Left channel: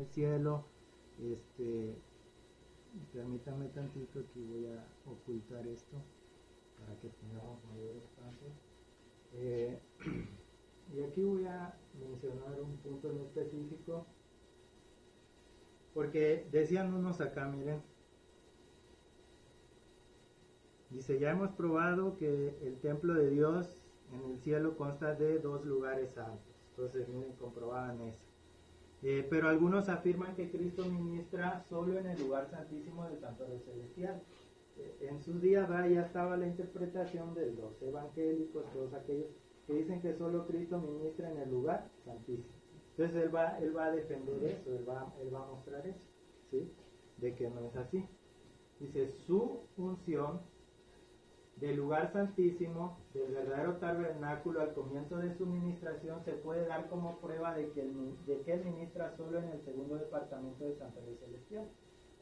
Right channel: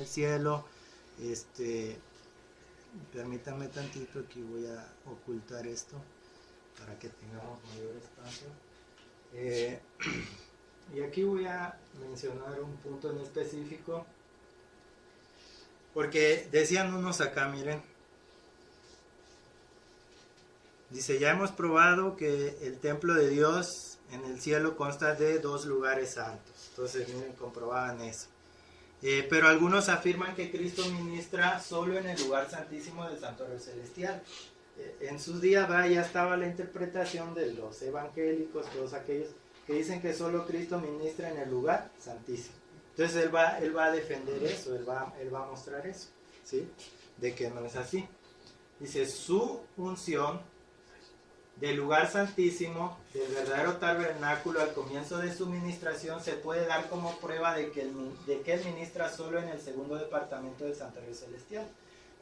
el cielo. Permítanme tantito, aquí voy a ocultar esto para que tengamos mayor espacio. Y aquí voy a mencionar un punto en específico, porque decían unos acá, miren, dice, ya hemos probado que el templo de Dios en el cielo consta de 2 lugares santos. Entonces, miren, comprobaban eso. Pero algunos afirman que Cristo ministra solo en el lugar santísimo del santuario celestial. En sus días ya estaba la interpretación de los evangélicos, todos aquellos que dicen que solo Cristo ministra en el lugar santísimo. Entonces él va a defender eso, él va a mostrar eso, ¿sí? De que no es así. Dice, su unción del lugar santísimo, del verdadero tabernáculo al comienzo de su ministración, se puede dar como prueba de que él ministra solo en el segundo departamento del santuario celestial.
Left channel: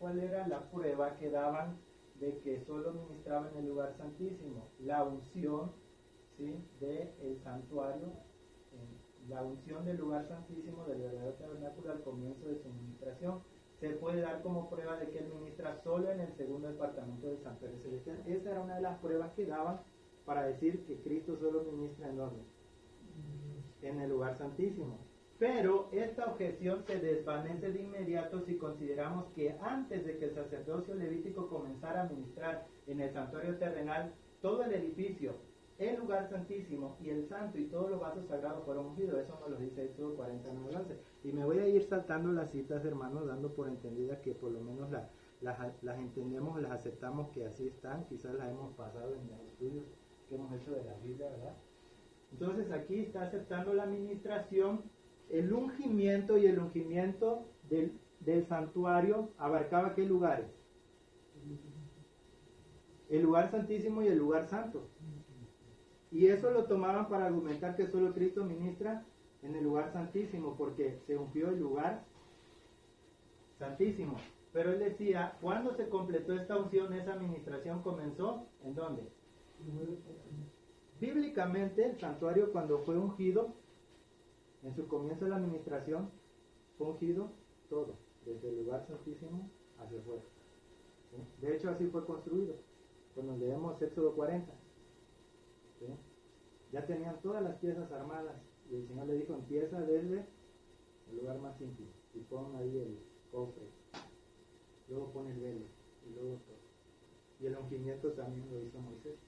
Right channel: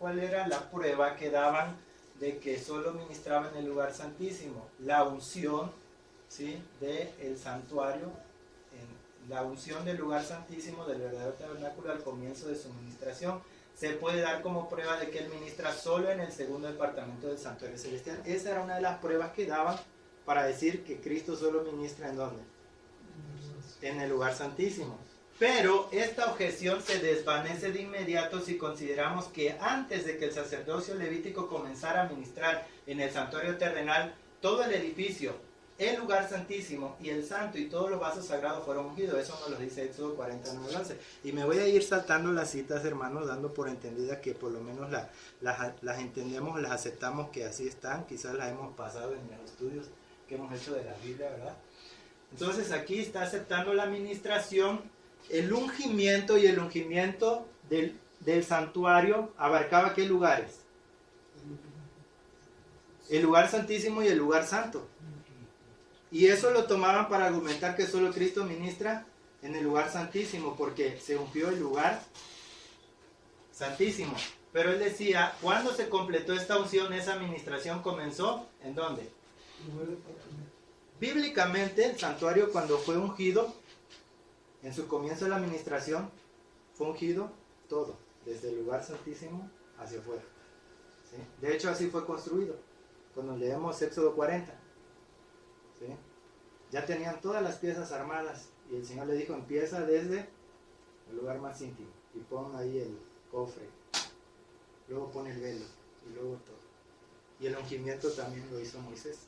¿Cuál era la prueba que daban de que solo ministraba en el lugar santísimo? La unción, ¿sí?, del santuario, la unción del lugar santísimo, del verdadero tabernáculo al comienzo de su ministración, se puede dar como prueba de que él ministra solo en el segundo departamento del santuario celestial. Esa era una de las pruebas que daban para decir que Cristo solo ministra ¿en dónde? En el lugar santísimo. Pero esta objeción se desvanece de inmediato si consideramos que antes de que el sacerdocio levítico comenzara a ministrar en el santuario terrenal, todo el edificio, el lugar santísimo y el santo y todos los vasos sagrados fueron ungidos. Eso nos lo dice Éxodo 49:11. Y me voy a ir saltando las citas, hermanos, dando por entendida que por lo menos las entendemos, las aceptamos que así están. Quizás las hemos pasado en los estudios que hemos hecho de la Biblia, ¿verdad? Entonces aquí está aceptando la administración. El ungimiento y el ungimiento del santuario abarcaba ¿qué lugares? El lugar santísimo y el lugar santo. Y eso lo tomaban para argumentar que solo Cristo ministra en el lugar santísimo, porque se ungió el lugar santísimo. Pero él decía, ¿cuándo se completó esta unción? Esa administración comenzó, ¿en dónde? Bíblicamente, el santuario cuando fue ungido, en su comienzo de la administración, fue ungido todo, desde el lugar santísimo hacia afuera. ¿Sí? De hecho, así fue construido. Cuando leemos Éxodo 40. ¿Sí? Ya tenían todas las piezas armadas y el Señor le dijo, empieza desde el lugar más íntimo y pon ahí el cofre, luego pon el velo y luego todo. Y el ungimiento también lo hizo Moisés,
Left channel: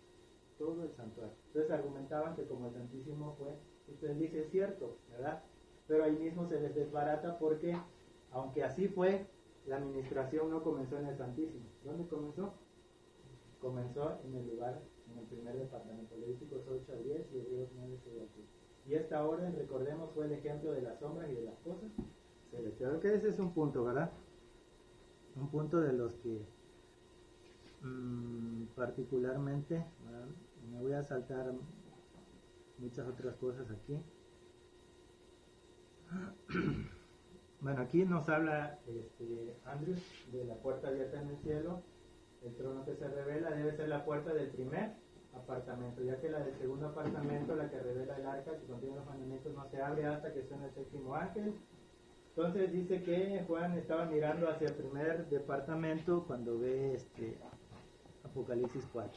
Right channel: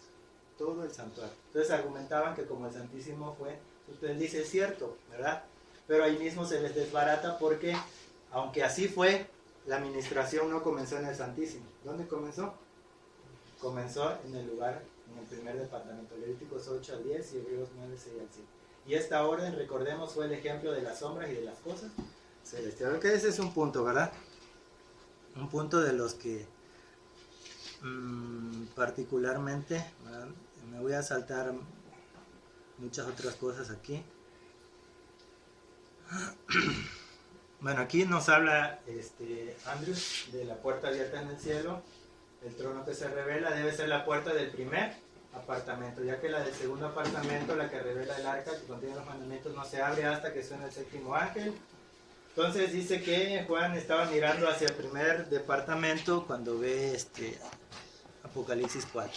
todo el santuario. Entonces argumentaban que como el Santísimo fue, usted dice, es cierto, ¿verdad? Pero ahí mismo se les desbarata porque aunque así fue, la administración no comenzó en el Santísimo. ¿Dónde comenzó? Comenzó en el lugar, en el primer departamento, Levíticos 8-10 y Hebreos 9-6-7. Y esta orden, recordemos, fue el ejemplo de las sombras y de las cosas celestiales. Creo que ese es un punto, ¿verdad? Un punto de los que particularmente, ¿verdad? Me voy a saltar muchas otras cosas aquí. Bueno, aquí nos habla Andrews de la puerta abierta en el cielo. El trono que se revela debe ser la puerta del primer apartamento, ya que la del segundo apartamento, la que revela el arca que contiene los mandamientos, no se abre hasta que suene el séptimo ángel. Entonces dice que Juan estaba mirando hacia el primer departamento cuando ve Apocalipsis 4.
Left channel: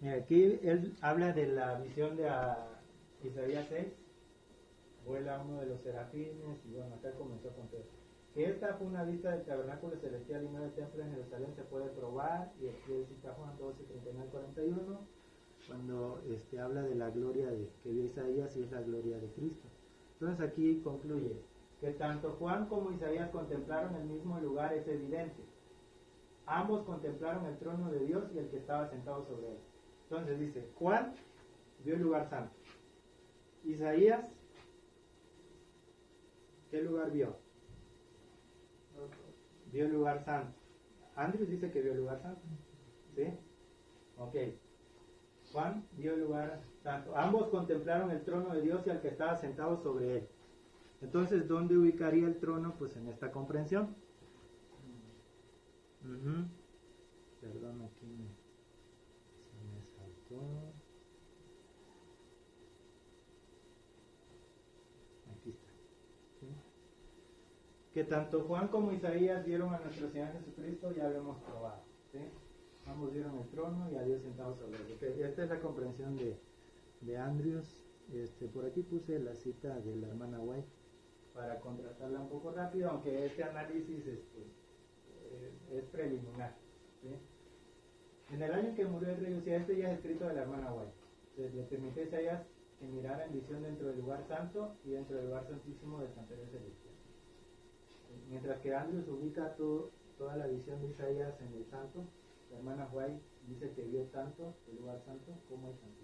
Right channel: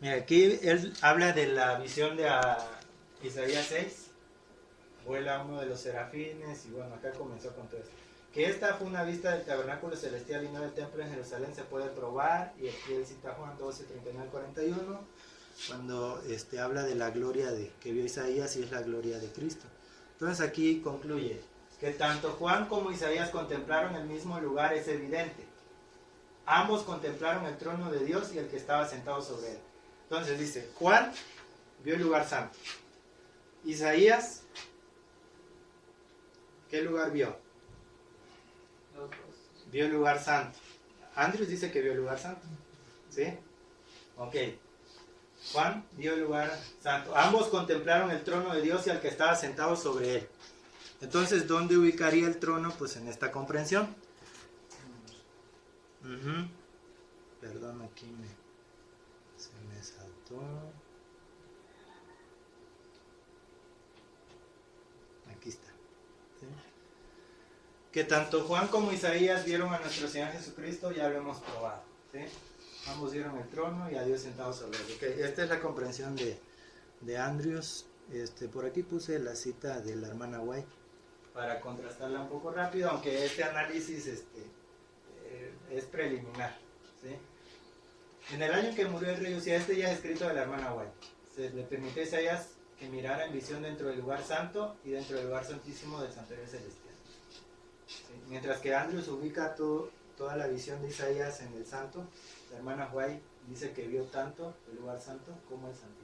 Mira, aquí él habla de la visión de Isaías 6. Vuela uno de los serafines y bueno, acá comenzó con todo esto. Que esta fue una vista del tabernáculo celestial y no del templo en Jerusalén, se puede probar. Y aquí él cita Juan 12:39-41, cuando habla de la gloria que vio Isaías y es la gloria de Cristo. Entonces aquí concluye que tanto Juan como Isaías contemplaron el mismo lugar, es evidente. Ambos contemplaron el trono de Dios y el que estaba sentado sobre él. Entonces dice, Juan vio el lugar santo. Isaías, ¿qué lugar vio? Vio el lugar santo. Andrews dice que vio el lugar santo. ¿Sí? Ok. Juan vio el lugar santo. Ambos contemplaron el trono de Dios y al que estaba sentado sobre él. Entonces, ¿dónde ubicaría el trono? Pues en esta comprensión. Perdón, aquí se me saltó. que tanto Juan como Isaías vieron a nuestro Señor Jesucristo, ya lo hemos probado, ¿sí? Ambos vieron el trono y a Dios sentado sobre él. Okay, esta es la comprensión de Andrews. Por aquí puse la cita de la hermana White para contrastarla un poco rápido, aunque este análisis es preliminar, ¿sí? En el año en que murió el rey Usías, ya es escrito de la hermana White, se le permitió a Isaías que mirara en visión dentro del lugar santo y dentro del lugar santísimo del santuario celestial, ¿sí? Mientras que Andrews ubica toda la visión de Isaías en el santo, la hermana White dice que vio tanto el lugar santo como el santísimo.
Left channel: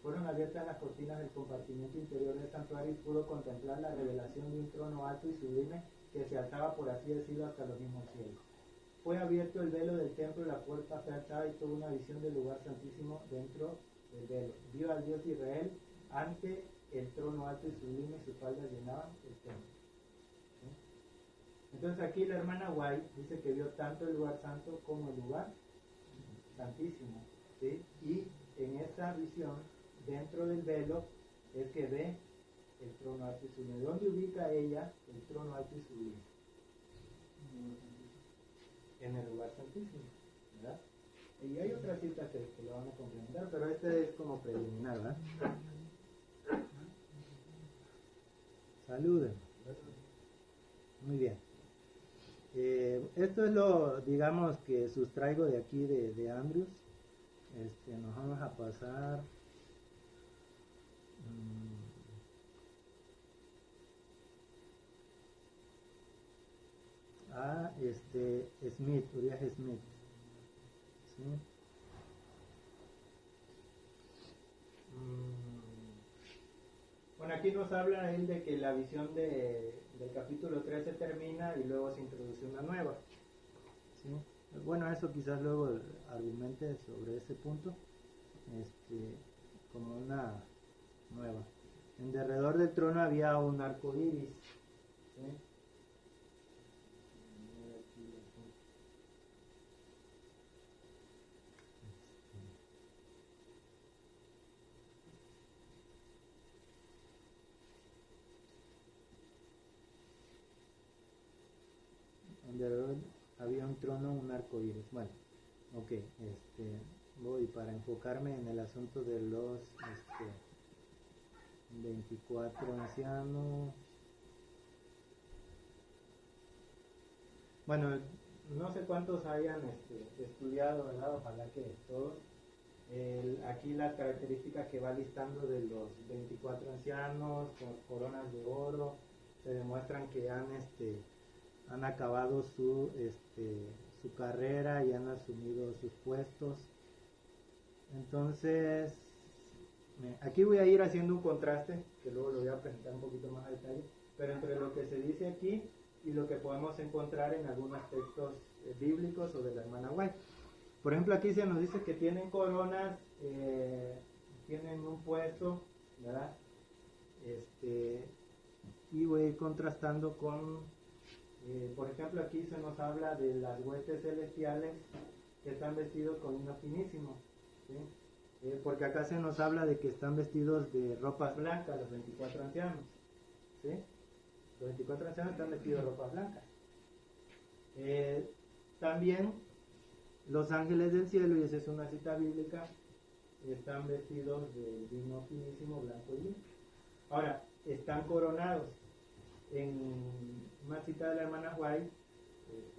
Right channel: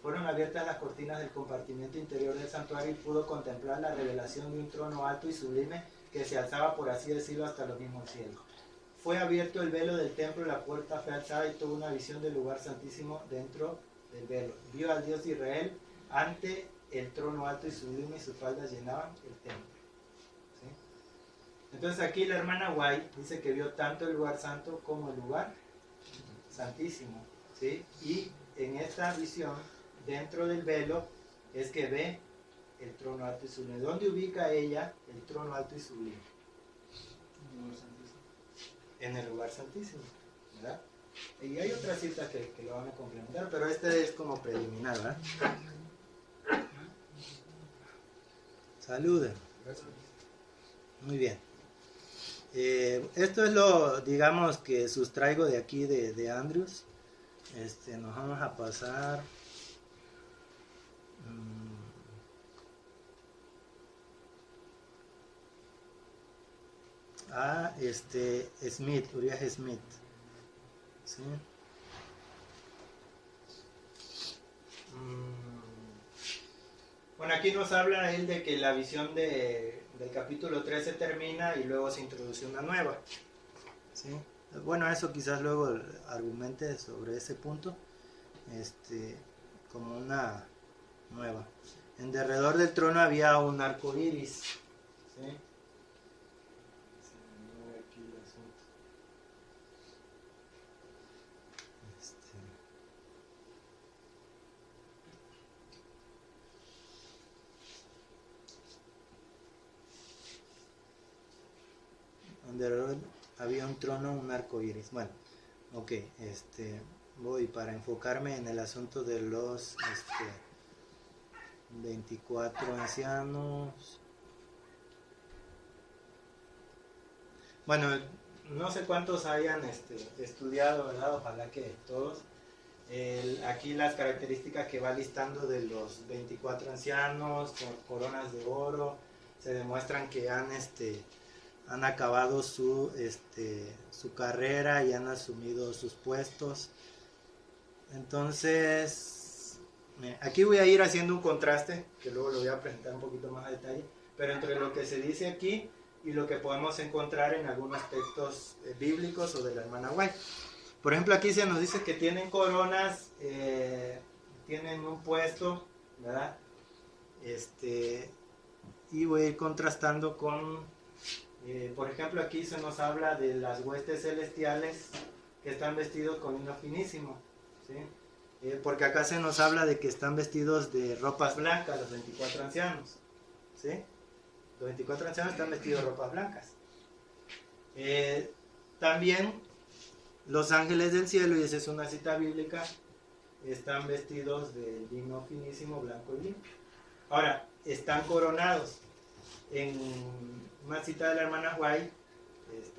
Fueron abiertas las cortinas del compartimiento interior del santuario y pudo contemplar la revelación de un trono alto y sublime que se alzaba, por así decirlo, hasta los mismos cielos. Fue abierto el velo del templo, la puerta fue alzada y tuvo una visión del lugar santísimo dentro del velo. Vio al Dios de Israel ante el trono alto y sublime y sus faldas llenaban el templo, ¿sí? Entonces aquí la hermana White dice que vio tanto el lugar santo como el lugar santísimo, ¿sí? Y en esta visión, dentro del velo, es que ve el trono alto y sublime. ¿Dónde ubica ella el trono alto y sublime? En el lugar santísimo, ¿verdad? Y hay otras citas que lo van a complementar, pero este es como preliminar, ¿verdad? Saluden. Muy bien. Esto es lo, digamos, que sustraigo de aquí de Andrews. Nos vamos a pasar a Smith, Uriah Smith, ¿sí? Bueno, aquí nos habla él de que la visión del capítulo 13 termina y luego se introduce una nueva, ¿sí? Bueno, eso quizás luego argumente sobre ese punto, como una nueva. En derredor del trono había un arco iris, ¿sí? Alrededor había un trono, un arco iris. Bueno, ok, voy para enfocarme en el asunto de los 24 ancianos. Bueno, no sé cuántos hayan estudiado, ¿verdad? Ojalá que todos. Aquí las características que va listando de los 24 ancianos con coronas de oro se demuestran que han acabado su carrera y han asumido sus puestos. Entonces, aquí voy a ir haciendo un contraste, que luego lo voy a presentar un poquito más a detalle, pero entre lo que se dice aquí y lo que podemos encontrar en algunos textos bíblicos o de la hermana White. Por ejemplo, aquí se nos dice que tienen coronas, tienen un puesto, ¿verdad? Y voy a ir contrastando con, por ejemplo, aquí se nos habla de las huestes celestiales que están vestidos con lino finísimo, ¿sí? Porque acá se nos habla de que están vestidos de ropas blancas, los 24 ancianos, ¿sí? Los 24 ancianos están vestidos de ropas blancas. También los ángeles del cielo, y esa es una cita bíblica, están vestidos de lino finísimo, blanco y limpio. Ahora, están coronados. En una cita de la hermana White,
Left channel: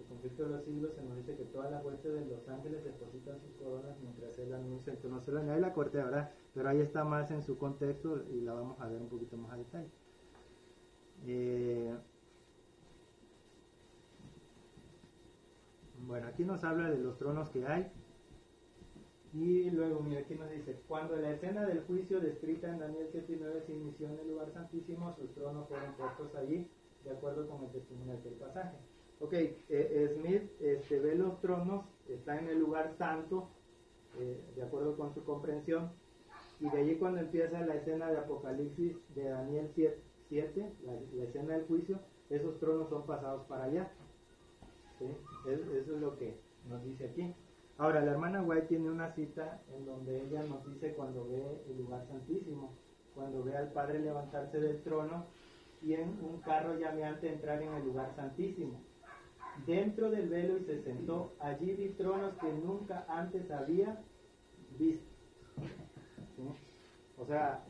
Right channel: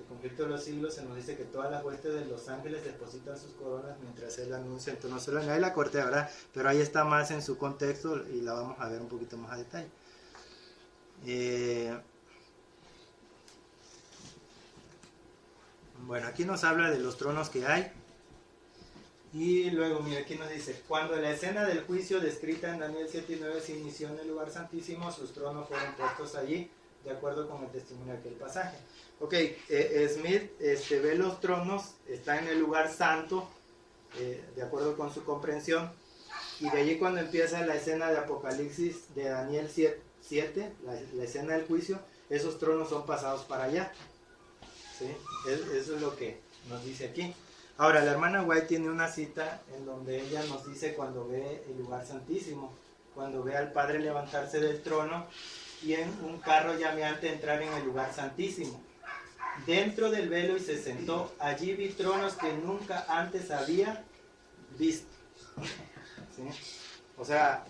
Conflicto de los siglos, se nos dice que todas las huestes de los ángeles depositan sus coronas mientras él anuncia. Entonces no solo añade la corte, ¿verdad? Pero ahí está más en su contexto y la vamos a ver un poquito más a detalle. Bueno, aquí nos habla de los tronos que hay. Y luego, mira, aquí nos dice: cuando la escena del juicio descrita en Daniel 7 y 9 se inició en el lugar santísimo, sus tronos fueron puestos allí, de acuerdo con el testimonio de aquel pasaje. Ok, Smith ve los tronos, está en el lugar santo, de acuerdo con su comprensión, y de allí cuando empieza la escena de Apocalipsis de Daniel 7, la escena del juicio, esos tronos son pasados para allá, ¿sí? Eso es lo que nos dice aquí. Ahora, la hermana White tiene una cita en donde ella nos dice cuando ve el lugar santísimo, cuando ve al Padre levantarse del trono y en un carro llameante entrar en el lugar santísimo, dentro del velo, y se sentó. Allí vi tronos que nunca antes había visto. ¿Sí? O sea,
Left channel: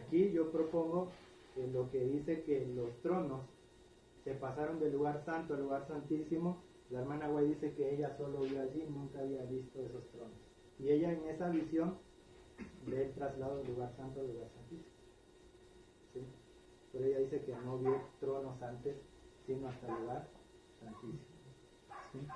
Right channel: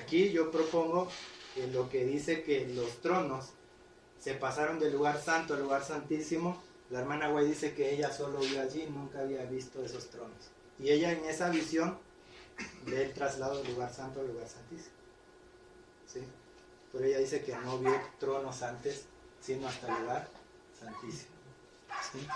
aquí yo propongo que lo que dice que los tronos se pasaron del lugar santo al lugar santísimo. La hermana White dice que ella solo vio allí, nunca había visto esos tronos. Y ella en esa visión ve el traslado del lugar santo al lugar santísimo. ¿Sí? Pero ella dice que no vio tronos antes, sino hasta el lugar santísimo. ¿Sí?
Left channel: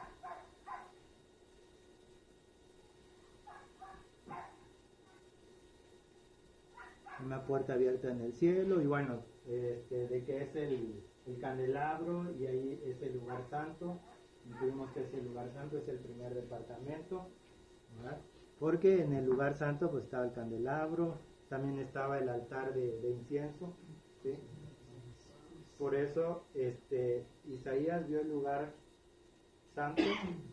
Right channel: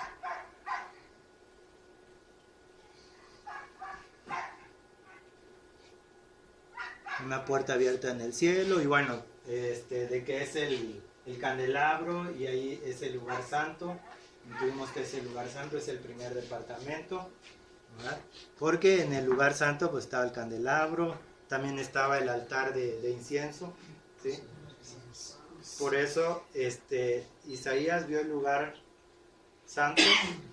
Una puerta abierta en el cielo, y bueno, de que es el candelabro, y ahí es el lugar santo. Intuimos que ese lugar santo es el primer departamento, ¿verdad? Porque en el lugar santo pues estaba el candelabro, también estaba el altar de incienso, ¿sí? Por eso Isaías vio el lugar santo,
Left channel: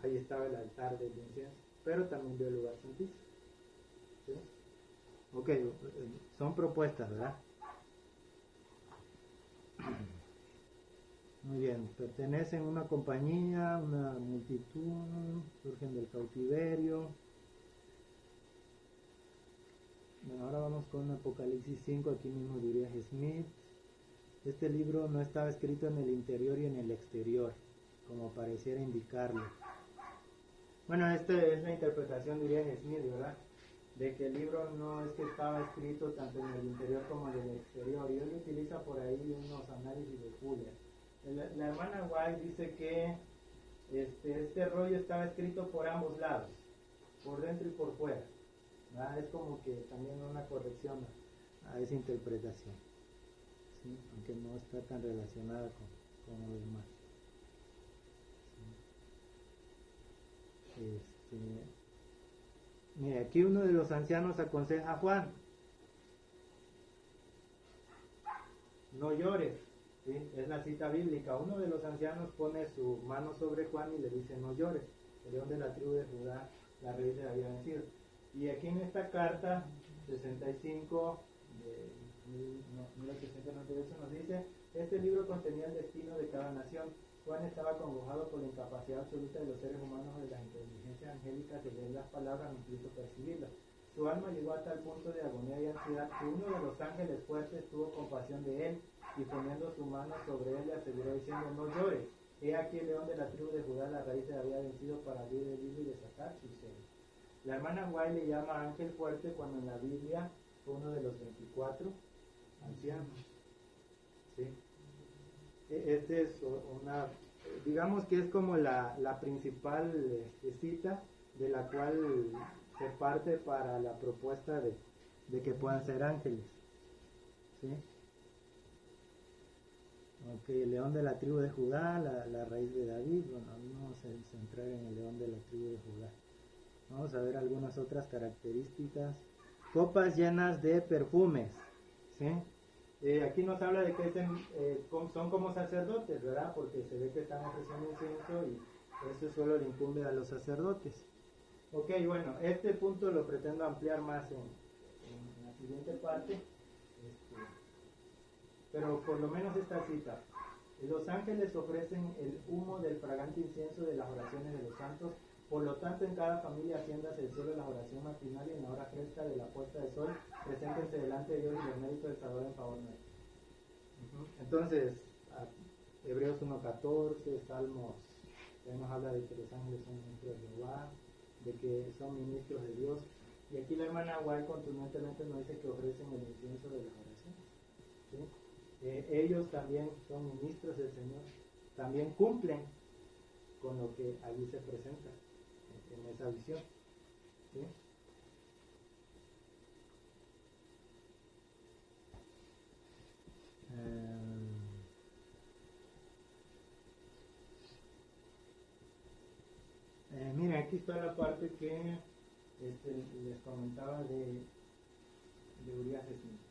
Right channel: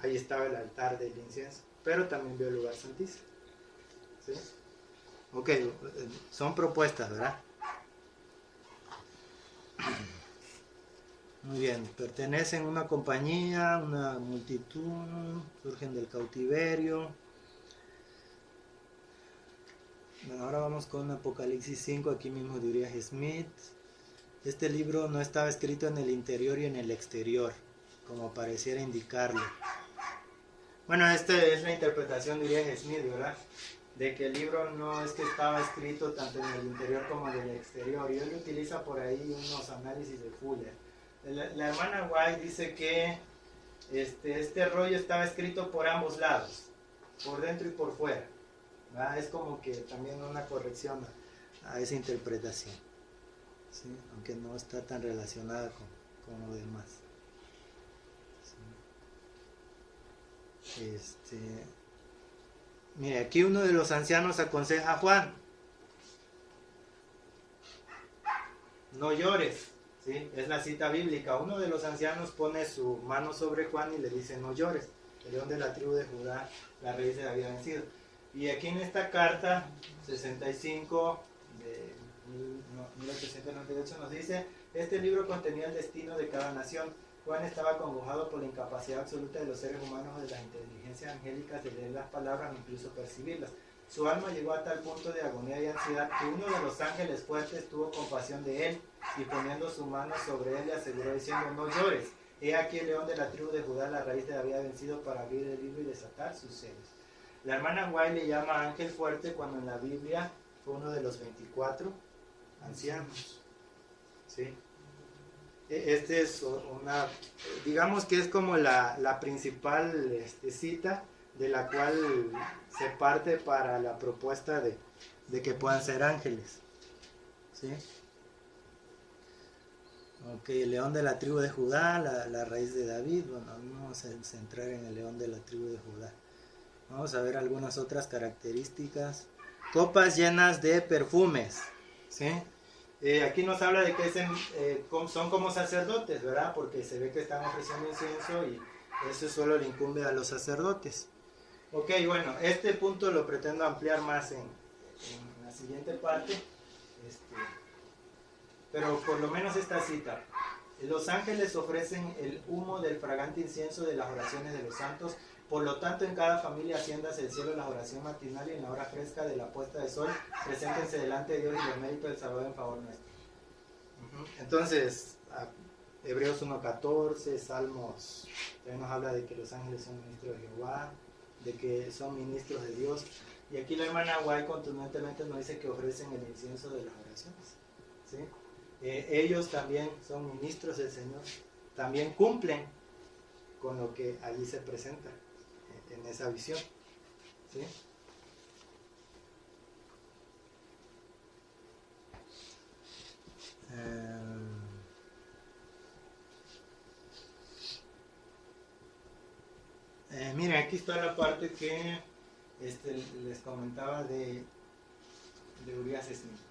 ahí estaba el altar del incienso, pero también vio el lugar santísimo, ¿sí? Ok, son propuestas, ¿verdad? Muy bien, pertenecen a una compañía, una multitud, surgen del cautiverio. Bueno, ahora vamos con Apocalipsis 5, aquí mismo de Uriah Smith. Este libro no estaba escrito en el interior y en el exterior, como pareciera indicarlo. Bueno, esta es la interpretación de Uriah Smith, ¿verdad? De que el libro no es que estaba escrito tanto en el interior como en el exterior. Y él utiliza por ahí unos análisis de Fuller. La hermana White dice que este rollo estaba escrito por ambos lados, por dentro y por fuera, ¿verdad? Es como que también una corrección a esa interpretación, ¿sí? Aunque no está tan relacionada con lo demás. ¿Sí? Mire, aquí uno de los ancianos aconseja a Juan: no llores. ¿Sí? Es la cita bíblica. Uno de los ancianos pone su mano sobre Juan y le dice: no llores, el león de la tribu de Judá, la raíz de David, había vencido. Y aquí en esta carta 65 de 1898 nos dice: este libro contenía el destino de cada nación. Juan estaba acongojado por la incapacidad absoluta de los seres humanos o de las inteligencias angélicas de leer las palabras o incluso percibirlas. Su alma llegó a tal punto de agonía y ansiedad que uno de los ángeles fuertes tuvo compasión de él, y poniendo su mano sobre él le aseguró diciendo: no llores, he aquí el león de la tribu de Judá, la raíz de David, ha vencido para abrir el libro y desatar sus sellos. La hermana White le llama ángel fuerte cuando en la Biblia fue uno de los 24 ancianos. ¿Sí? Este es una, digamos que es como la principal cita de la cual se parte para la propuesta de que puedan ser ángeles. ¿Sí? Ok, el león de la tribu de Judá, la raíz de David. Bueno, vamos a centrar en el león de la tribu de Judá. Vamos a ver algunas otras características. Copas llenas de perfumes. ¿Sí? Aquí nos habla de que son como sacerdotes, ¿verdad? Porque se ve que están ofreciendo incienso y eso solo le incumbe a los sacerdotes. Ok, bueno, este punto lo pretendo ampliar más en la siguiente parte. Pero por lo menos esta cita: los ángeles ofrecen el humo del fragante incienso de las oraciones de los santos. Por lo tanto, en cada familia asciendas el cielo en la oración matinal y en la hora fresca de la puesta de sol, preséntense delante de Dios y los méritos del Salvador en favor nuestro. Entonces, Hebreos 1.14, Salmos, también nos habla de que los ángeles son ministros de Jehová, de que son ministros de Dios. Y aquí la hermana White contundentemente nos dice que ofrecen el incienso de las oraciones. ¿Sí? Ellos también son ministros del Señor, también cumplen con lo que allí se presenta en esa visión. ¿Sí? Miren, aquí está la parte que les comentaba de Uriah Smith.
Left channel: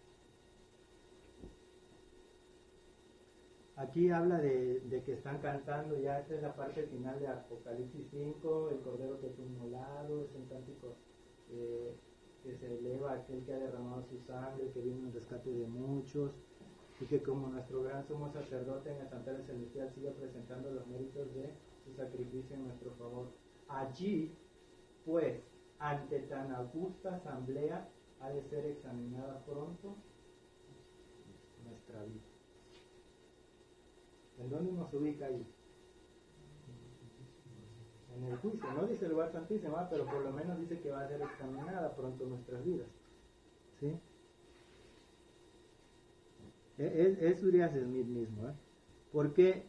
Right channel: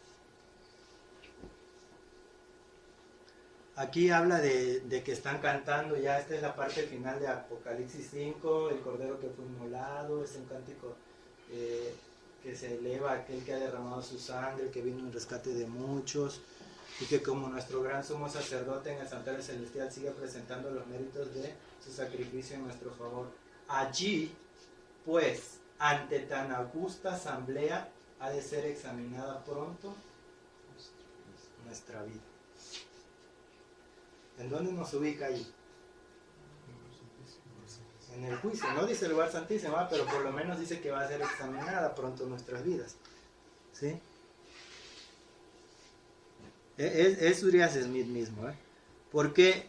Aquí habla de que están cantando, ya esta es la parte final de Apocalipsis 5, el cordero que fue inmolado, es un cántico que se eleva a aquel que ha derramado su sangre, que vino en rescate de muchos. y que como nuestro gran sumo sacerdote en el santuario celestial sigue presentando los méritos de su sacrificio en nuestro favor. Allí, pues, ante tan augusta asamblea, ha de ser examinada pronto nuestra vida. ¿En dónde nos ubica allí? En el juicio, no dice el lugar santísimo, pero por lo menos dice que va a ser examinada pronto nuestras vidas. ¿Sí? Es Urias Smith mismo. ¿Por qué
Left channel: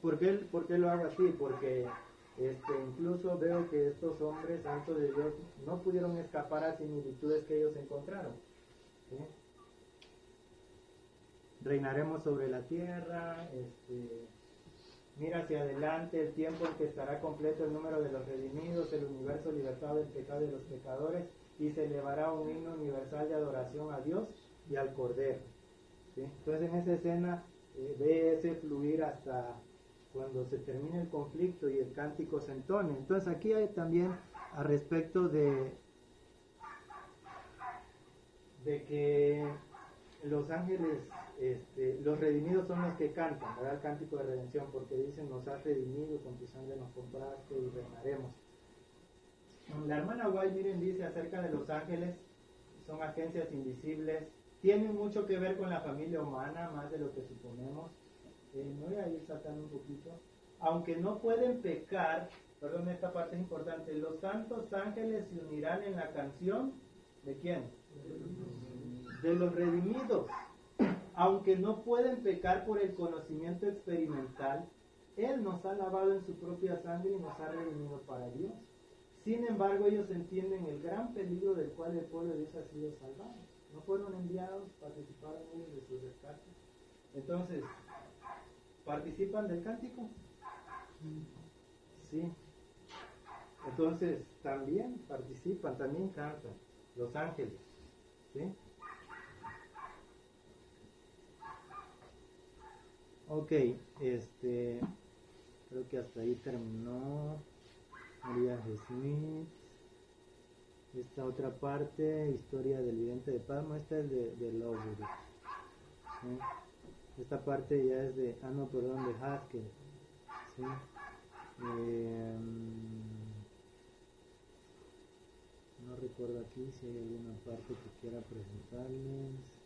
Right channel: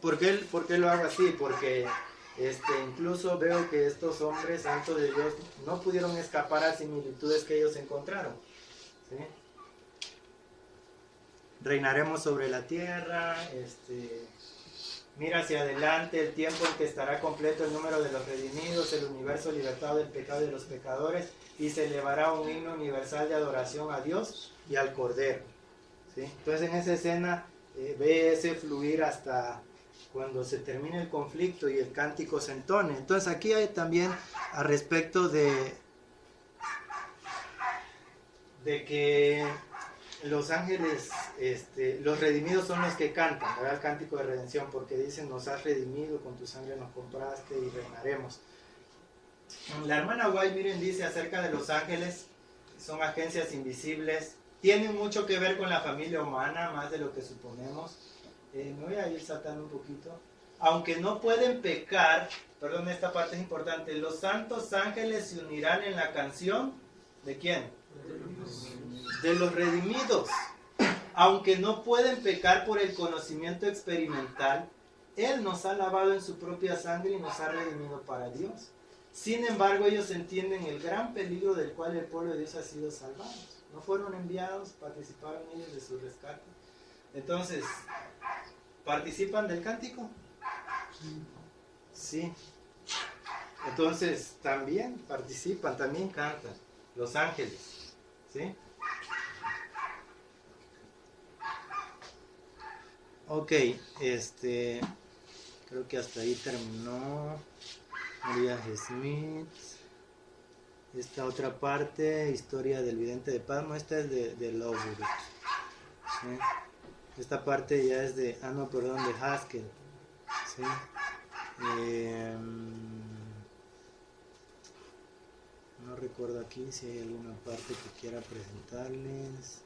lo hago así? Porque incluso veo que estos hombres santos de Dios no pudieron escapar a similitudes que ellos encontraron. ¿Sí? Reinaremos sobre la tierra, mira hacia adelante el tiempo en que estará completo el número de los redimidos, el universo libertado del pecado y de los pecadores, y se elevará un himno universal de adoración a Dios y al Cordero. ¿Sí? Entonces en esa escena ve ese fluir hasta cuando se termine el conflicto y el cántico se entone. Entonces aquí hay también al respecto de que los ángeles, los redimidos son los que cantan, ¿verdad? El cántico de redención, porque dicen: nos has redimido, con tu sangre nos compraste y reinaremos. La hermana White, miren, dice acerca de los ángeles: son agencias invisibles, tienen mucho que ver con la familia humana, más de lo que suponemos. Me voy a ir saltando un poquito. Aunque no pueden pecar, perdón, esta parte es importante, los santos ángeles se unirán en la canción, ¿de quién? De los redimidos. Aunque no pueden pecar por el conocimiento experimental, Él nos ha lavado en su propia sangre y nos ha redimido para Dios. Sin embargo, ellos entienden el gran peligro del cual el pueblo de Dios ha sido salvado. No fueron enviados, participaron ellos de su rescate. Entonces, ¿participan del cántico? Sí. Entonces, también participan, también cantan los ángeles. ¿Sí? Ok, creo que hasta ahí terminó Urias Smith. Esta otra parte, historia del vidente de Palmo, esta es de Lovewood. ¿Sí? Esta parte ya es de, de Haskell. ¿Sí? No recuerdo aquí si hay alguna parte que quiera presentarles.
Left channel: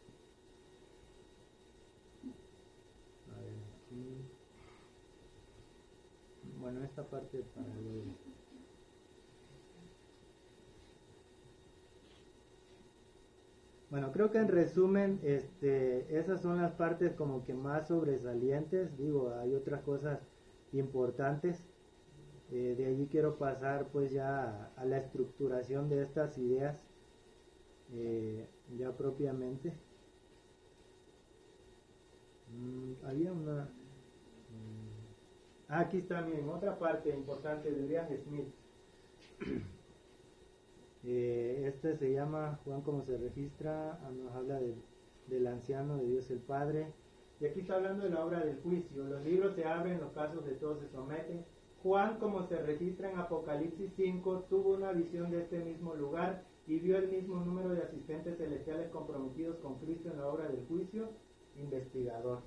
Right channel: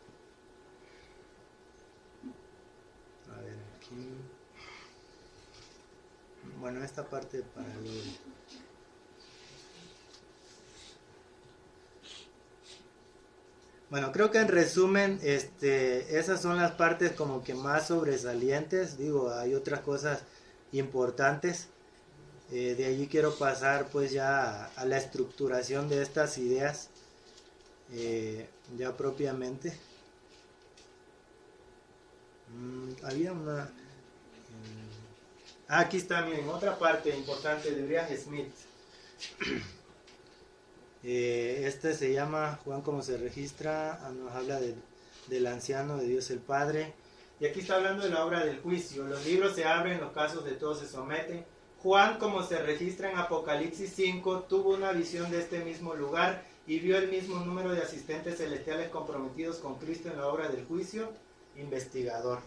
A ver aquí. Bueno, esta parte para luego. Bueno, creo que en resumen, esas son las partes como que más sobresalientes. Digo, hay otras cosas importantes. De allí quiero pasar pues ya a la estructuración de estas ideas, ya propiamente. Había una... aquí está, miren, otra parte importante de Urias Smith. Este se llama Juan como se registra, nos habla del anciano de Dios el Padre. Y aquí está hablando de la obra del juicio. Los libros se abren, los casos de todos se someten. Juan, como se registra en Apocalipsis 5, tuvo una visión de este mismo lugar y vio el mismo número de asistentes celestiales comprometidos con Cristo en la obra del juicio. Investigador.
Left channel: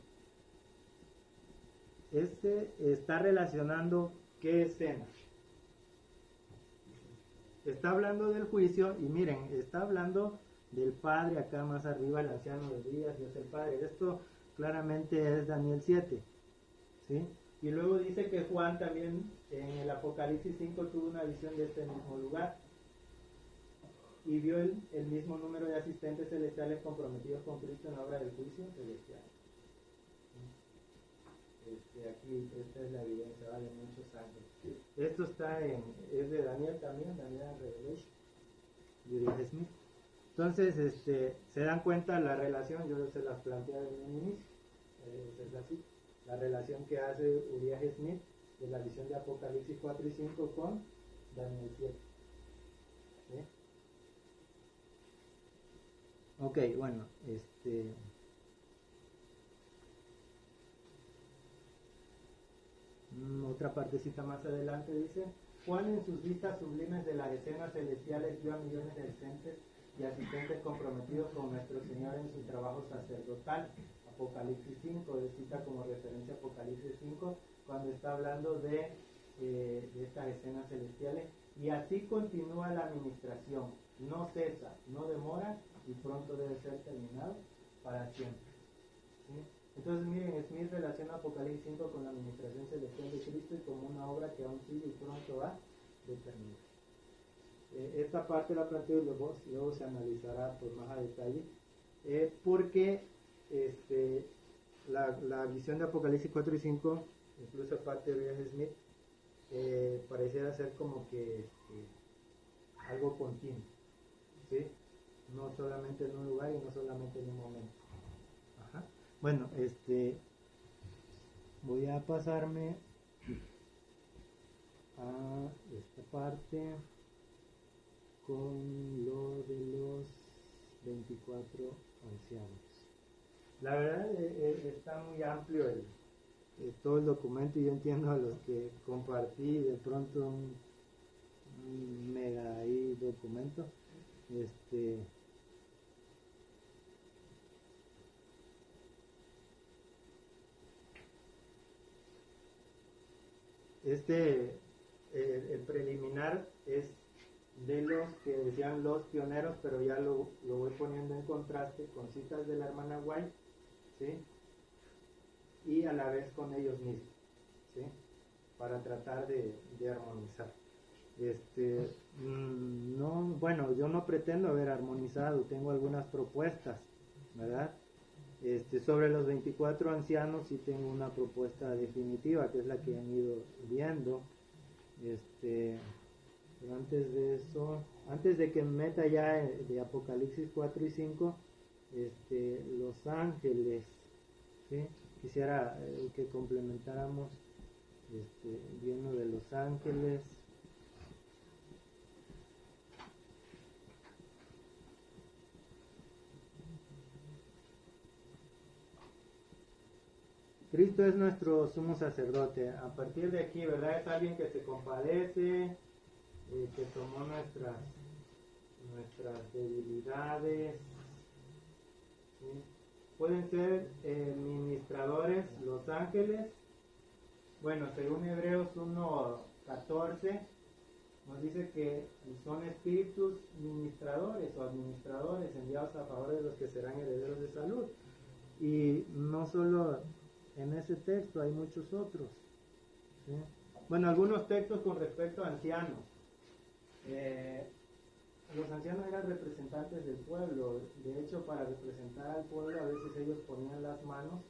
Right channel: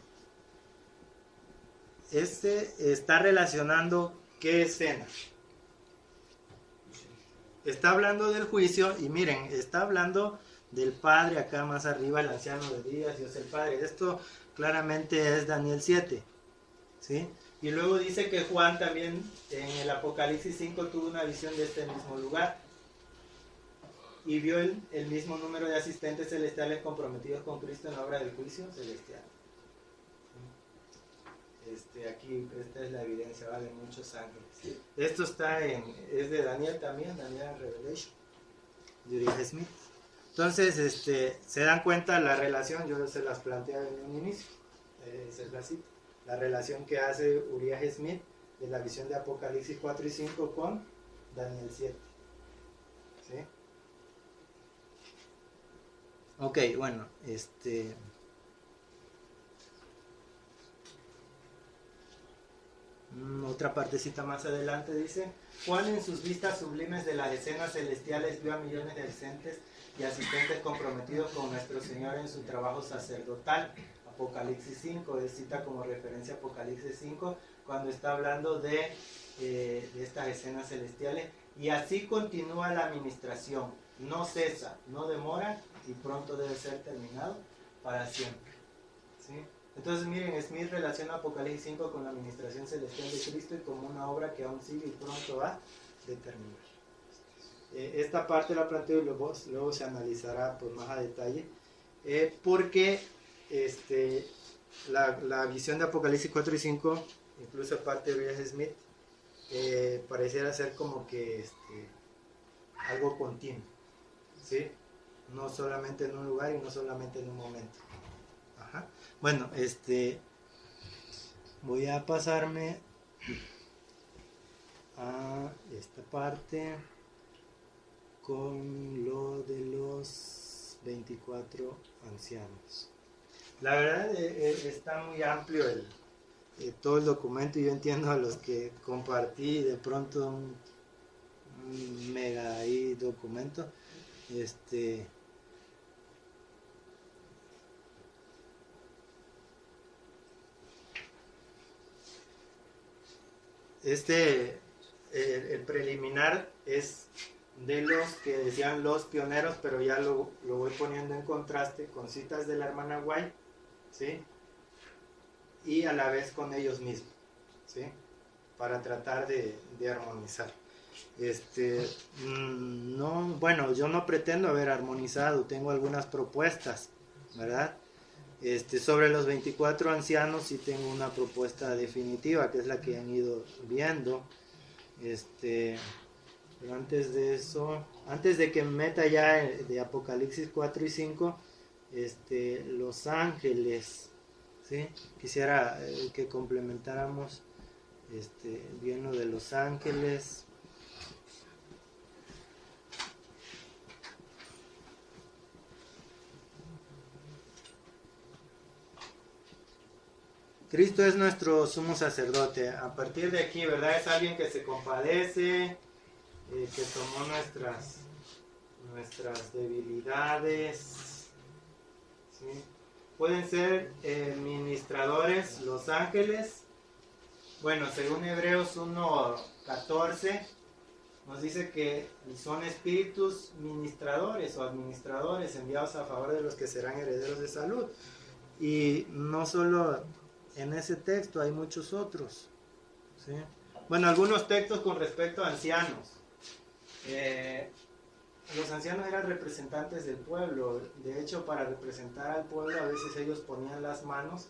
Está relacionando ¿qué escena? Está hablando del juicio y miren, está hablando del Padre acá más arriba, el anciano de días, Dios el Padre. Esto claramente es Daniel 7, ¿sí? Y luego dice que Juan también en el Apocalipsis 5 tuvo una visión de este mismo lugar y vio el mismo número de asistentes celestiales comprometidos con Cristo en la obra del juicio celestial. Aquí esta es la evidencia, ¿vale? Muchos ángeles. Sí. Esto es de Daniel también, Daniel Revelation, de Urias Smith. Entonces, se dan cuenta la relación, yo se las planteé en un inicio, es así, la relación que hace Urias Smith de la visión de Apocalipsis 4 y 5 con Daniel 7. ¿Sí? Ok, bueno, otra partecita más adelante dice: Juan en sus vistas sublimes de las escenas celestiales vio a millones de asistentes y asistentes comprometidos con nuestro Señor en su trabajo sacerdotal. Apocalipsis 5, cita como referencia Apocalipsis 5 cuando está hablando de estas escenas celestiales. Y así continúa la administración, no cesa, no demora y pronto debe ser terminado para siempre. ¿Sí? Entonces miren, Smith relaciona Apocalipsis 5 con la administración celestial de Cristo y como una obra que aún sigue y pronto va a terminar. Esta parte la planteo y luego se analizará por más a detalle, porque la visión de Apocalipsis 4 y 5, incluso parte de R. Smith, pareciera ser como que algo continuo, ¿sí? No solamente en un lugar y no solamente en un momento. Ajá. Bueno, voy a pasarme a esta parte con lo de los 24 ancianos. La verdad está muy amplio todo el documento y yo entiendo a los que compartí de pronto un mega ahí documento. El preliminar es de los que decían los pioneros, pero ya lo voy poniendo en contraste con citas de la hermana White, ¿sí? Y a la vez con ellos mismos, ¿sí? Para tratar de armonizar. No, bueno, yo no pretendo haber armonizado, tengo algunas propuestas, ¿verdad? Sobre los 24 ancianos sí tengo una propuesta definitiva, que es la que han ido viendo. Pero antes de eso, antes de que me meta ya de Apocalipsis 4 y 5, los ángeles, ¿sí? Quisiera que complementáramos bien lo de los ángeles. Cristo es nuestro sumo sacerdote. A partir de aquí, ¿verdad? Es alguien que se compadece, que tomó nuestras debilidades. ¿Sí? Pueden ser ministradores, los ángeles. Bueno, según Hebreos 1:14, nos dice que son espíritus ministradores o administradores enviados a favor de los que serán herederos de salud. Y no solo en ese texto, hay muchos otros, ¿sí? Bueno, algunos textos con respecto a ancianos. Los ancianos eran representantes del pueblo. De hecho, para representar al pueblo a veces ellos ponían las manos,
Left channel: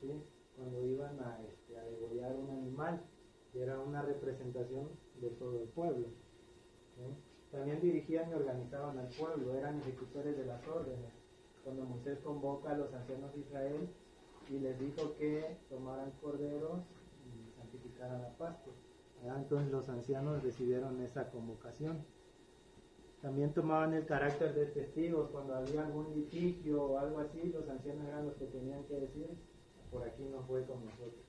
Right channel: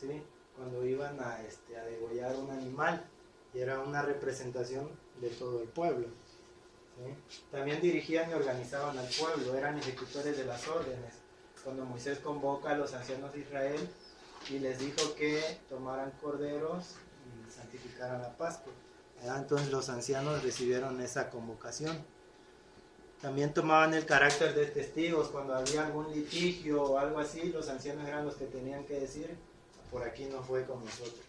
¿sí? Cuando iban a degollar un animal, y era una representación de todo el pueblo, ¿sí? También dirigían y organizaban al pueblo, eran ejecutores de las órdenes. Cuando Moisés convoca a los ancianos de Israel y les dijo que tomaran corderos y santificaran la Pascua, entonces los ancianos recibieron esa convocación. También tomaban el carácter de testigos. Cuando había algún litigio o algo así, los ancianos eran los que tenían que decir: por aquí no fue con nosotros,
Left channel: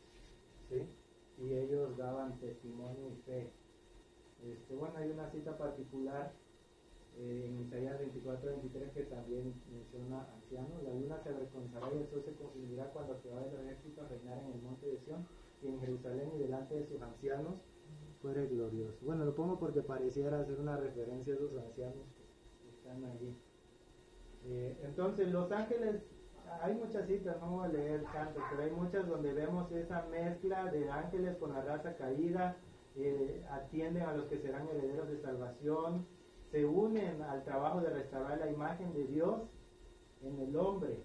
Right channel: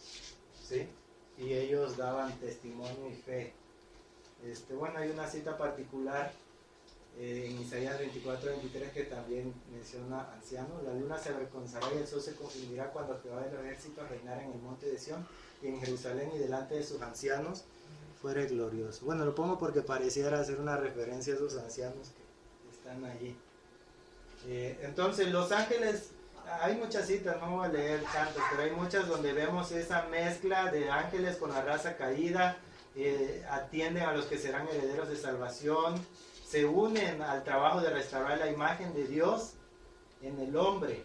¿sí? Y ellos daban testimonio y fe. Bueno, hay una cita particular en Isaías 24:23 que también menciona ancianos. La luna se avergonzará y el sol se confundirá cuando Jehová de los ejércitos reinara en el monte de Sión y en Jerusalén, y delante de sus ancianos fuere glorioso. Bueno, lo pongo porque pareciera hacer una referencia a esos ancianos que están allí. Entonces, los ángeles, hay muchas citas, no voy a leer tantas, pero hay muchas donde vemos esa mezcla de ángeles con la raza caída. Atienden a los que serán herederos de salvación, se unen al trabajo de restaurar la imagen de Dios en el hombre.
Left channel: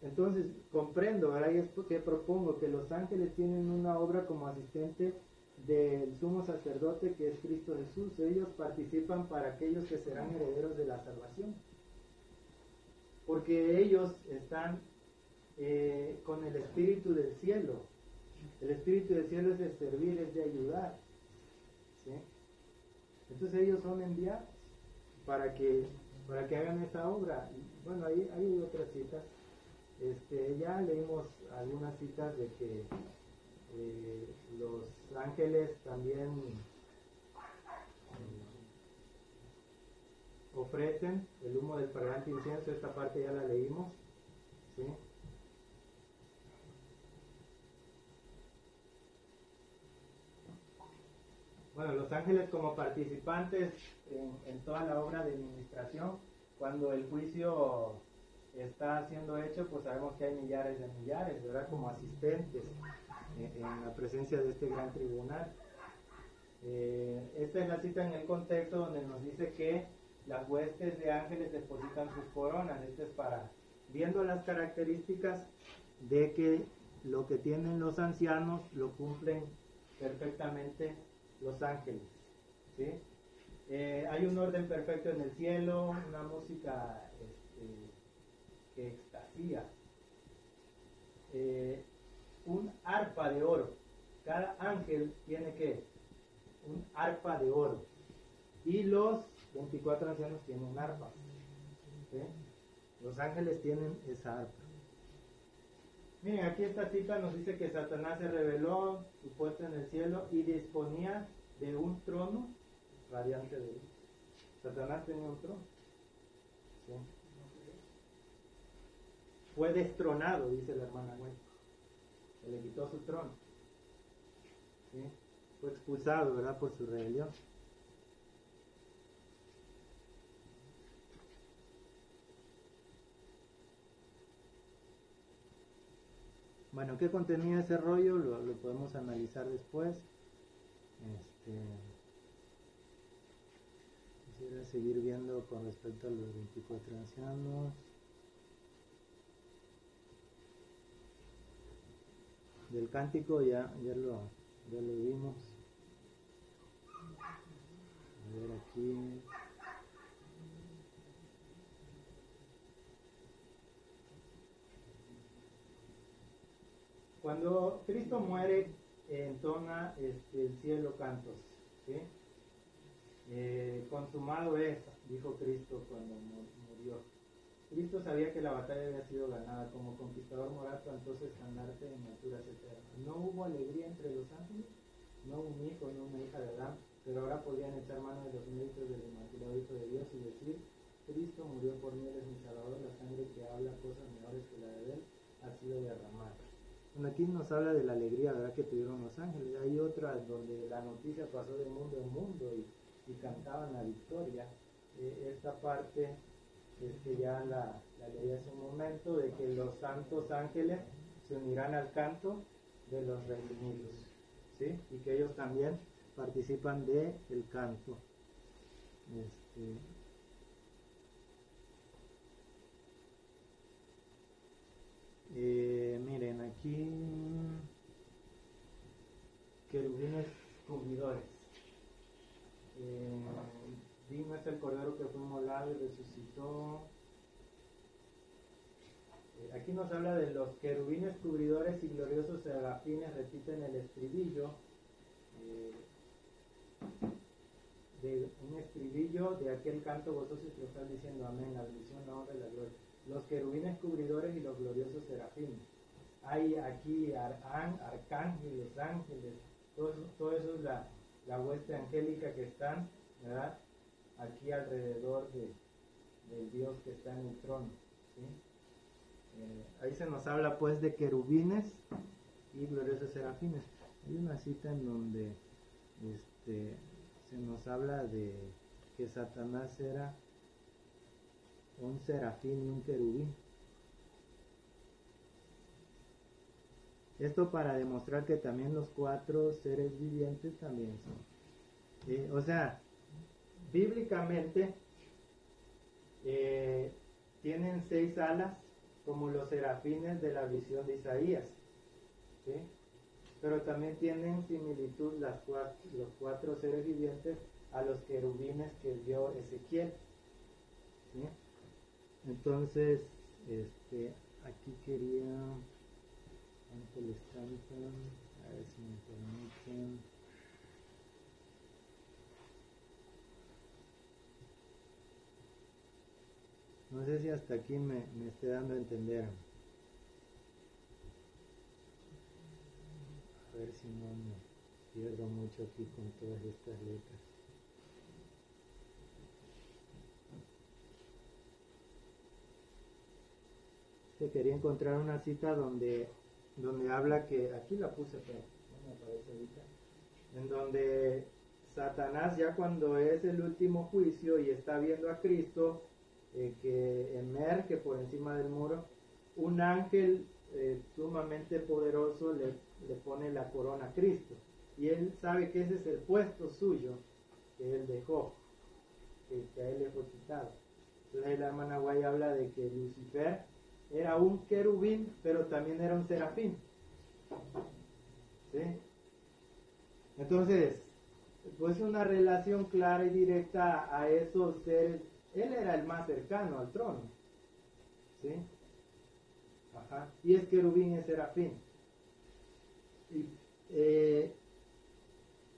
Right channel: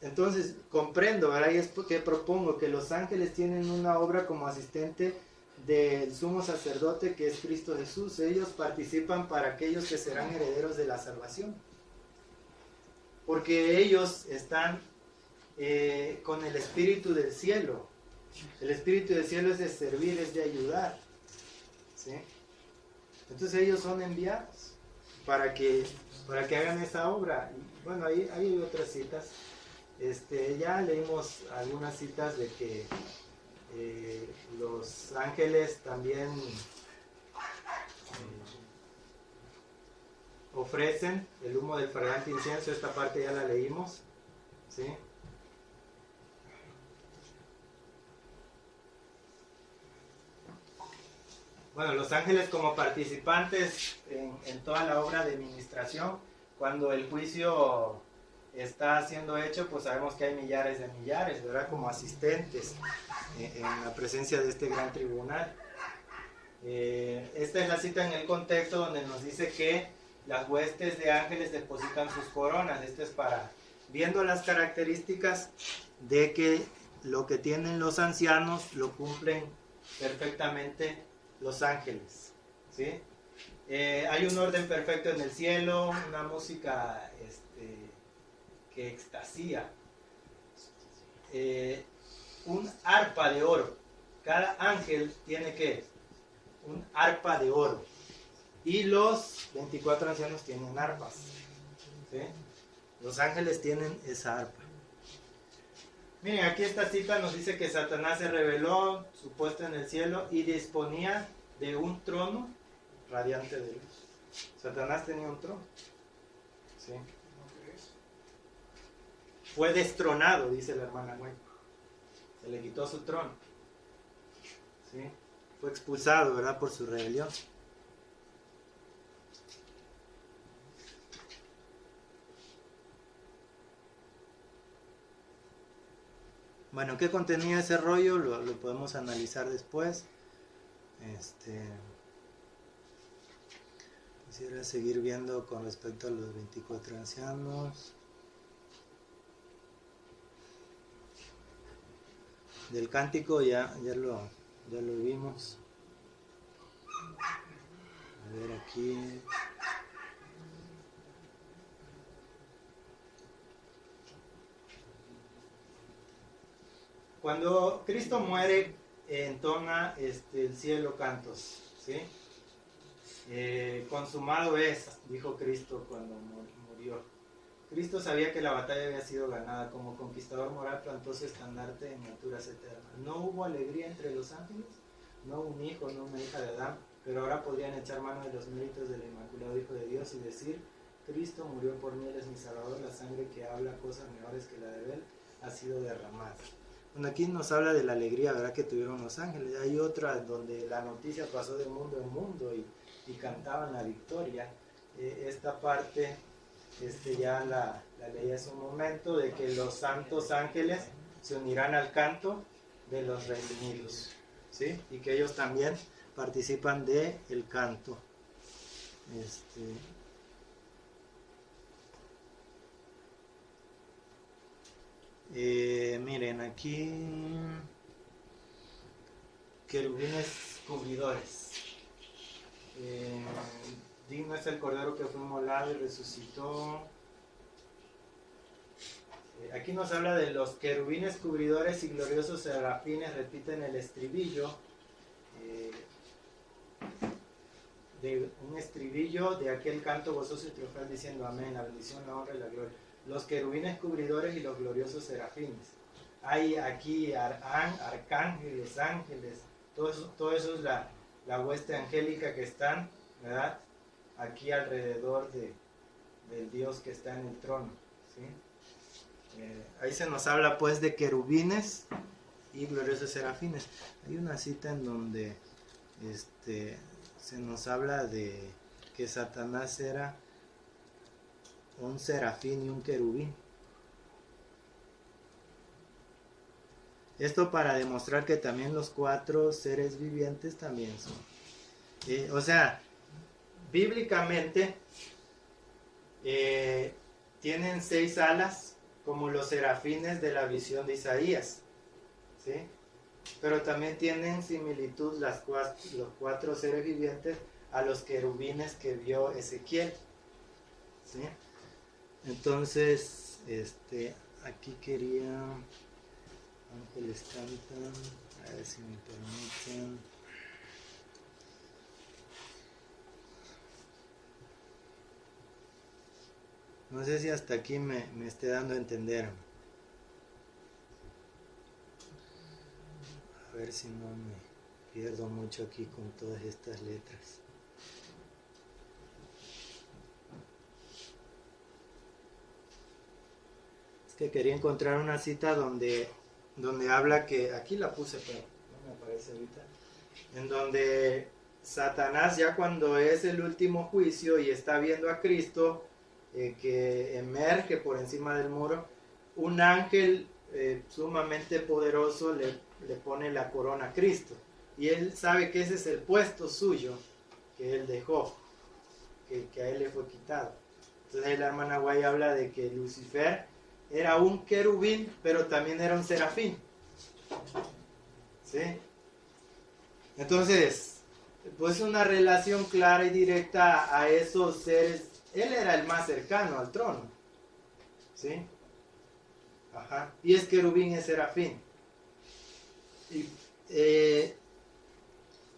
Entonces comprendo, ¿verdad? Y es porque propongo que los ángeles tienen una obra como asistente del sumo sacerdote, que es Cristo Jesús. Ellos participan para aquellos que serán herederos de la salvación, porque ellos están con el espíritu del cielo. El espíritu del cielo es de servir, es de ayudar, ¿sí? Entonces ellos son enviados para que hagan esa obra. Y bueno, ahí hay otras citas. Ya leímos algunas citas de que los ángeles también ofrecen el humo del fragante incienso. Esta parte ya la leímos, ¿sí? Bueno, los ángeles como participantes en toda la obra de ministración. Cuando el juicio está siendo hecho, pues sabemos que hay millares de millares, ¿verdad? Como asistentes en la presencia de este gran tribunal. Esta es la cita en el contexto donde nos dice que las huestes de ángeles depositan sus coronas. Esto es para, viendo las características de que lo que tienen los ancianos lo cumplen perfectamente los ángeles, ¿sí? Hay un orden perfecto en el cielo, una música que extasía, un arpa de oro. Cada ángel tiene que un arpa de oro, y los 24 ancianos tienen arpas, ¿sí? Los ángeles tienen esa arpa. Miren, aquí esta cita nos dice que Satanás se rebeló, su puesto en el cielo, y disponía de un trono radiante de luz. Satanás tenía un trono, ¿sí? Fue destronado, dice la hermana Güey. Se le quitó su trono, ¿sí? Fue expulsado, ¿verdad? Por su rebelión. Bueno, ¿qué contenía ese rollo? Lo podemos analizar después. Quisiera seguir viendo con respecto a los 24 ancianos. Del cántico ya lo vimos. A ver aquí. Cuando Cristo muere, entona el cielo cantos, ¿sí? Consumado es, dijo Cristo cuando murió. Cristo sabía que la batalla había sido ganada. Como conquistador moral plantó su estandarte en alturas eternas. No hubo alegría entre los ángeles, no un hijo, no una hija de Adán, pero ahora podrían echar mano de los méritos del Inmaculado Hijo de Dios y decir: Cristo murió por mí, Él es mi Salvador, la sangre que habla cosas mejores que la de Él ha sido derramada. Bueno, aquí nos habla de la alegría, ¿verdad?, que tuvieron los ángeles. Hay otra donde la noticia pasó de mundo en mundo y cantaban la victoria. Esta parte ya la leí hace un momento, de que los santos ángeles se unirán al canto de los redimidos, ¿sí? Y que ellos también participan de el canto. Miren aquí, querubines cubridores. Digno es el Cordero que fue inmolado y resucitó. Aquí nos habla de los querubines cubridores y gloriosos serafines. Repiten el estribillo, de un estribillo de aquel canto gozoso y triunfal, diciendo amén, la bendición, la honra y la gloria. Los querubines cubridores y los gloriosos serafines. Hay aquí arcángeles, ángeles, todo eso es la hueste angélica que están, ¿verdad?, aquí alrededor del Dios que está en el trono, ¿sí? Ahí se nos habla pues de querubines y gloriosos serafines. Hay una cita en donde se nos habla de que Satanás era un serafín y un querubín. Esto para demostrar que también los 4 seres vivientes también son. O sea, bíblicamente tienen 6 alas, como los serafines de la visión de Isaías, ¿sí? Pero también tienen similitud los 4 seres vivientes a los querubines que vio Ezequiel, ¿sí? Entonces, aquí quería, ángeles cantan, a ver si me permiten. No sé si hasta aquí me esté dando a entender. A ver si no me pierdo mucho aquí con todas estas letras. que quería encontrar una cita donde habla que, aquí la puse pero no me aparece ahorita, en donde Satanás, ya cuando es el último juicio y está viendo a Cristo que emerge por encima del muro, un ángel sumamente poderoso le pone la corona a Cristo, y él sabe que ese es el puesto suyo que él dejó, que a él le fue quitado. Entonces la hermana Guay habla de que Lucifer era un querubín, pero también era un serafín. ¿Sí? Entonces, pues una relación clara y directa a esos seres. Él era el más cercano al trono. ¿Sí? Ajá. Y es querubín, es serafín. Y,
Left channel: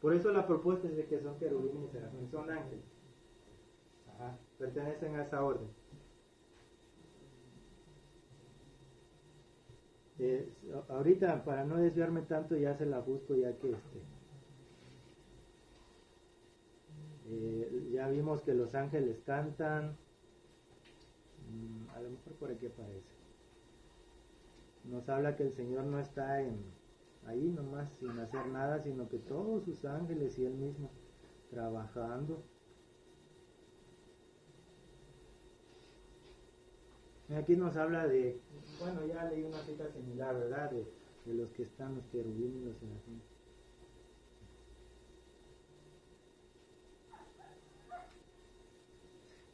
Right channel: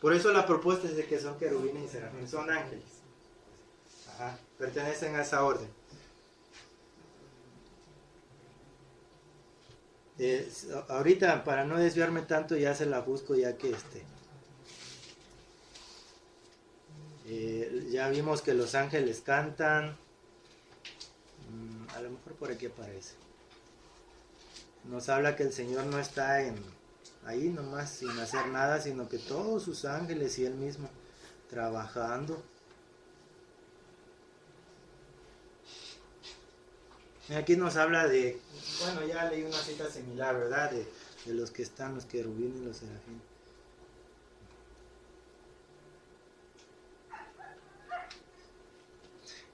por eso la propuesta es de que son querubines y serafín, son ángeles. Ajá. Pertenecen a esa orden. Ahorita, para no desviarme tanto, ya se la busco, ya que ya vimos que los ángeles cantan. A lo mejor por aquí aparece. Nos habla que el Señor no está ahí nomás sin hacer nada, sino que todos sus ángeles y Él mismo trabajando. Aquí nos habla de, bueno, ya leí una cita similar, ¿verdad? De los que están, los querubines y los serafines.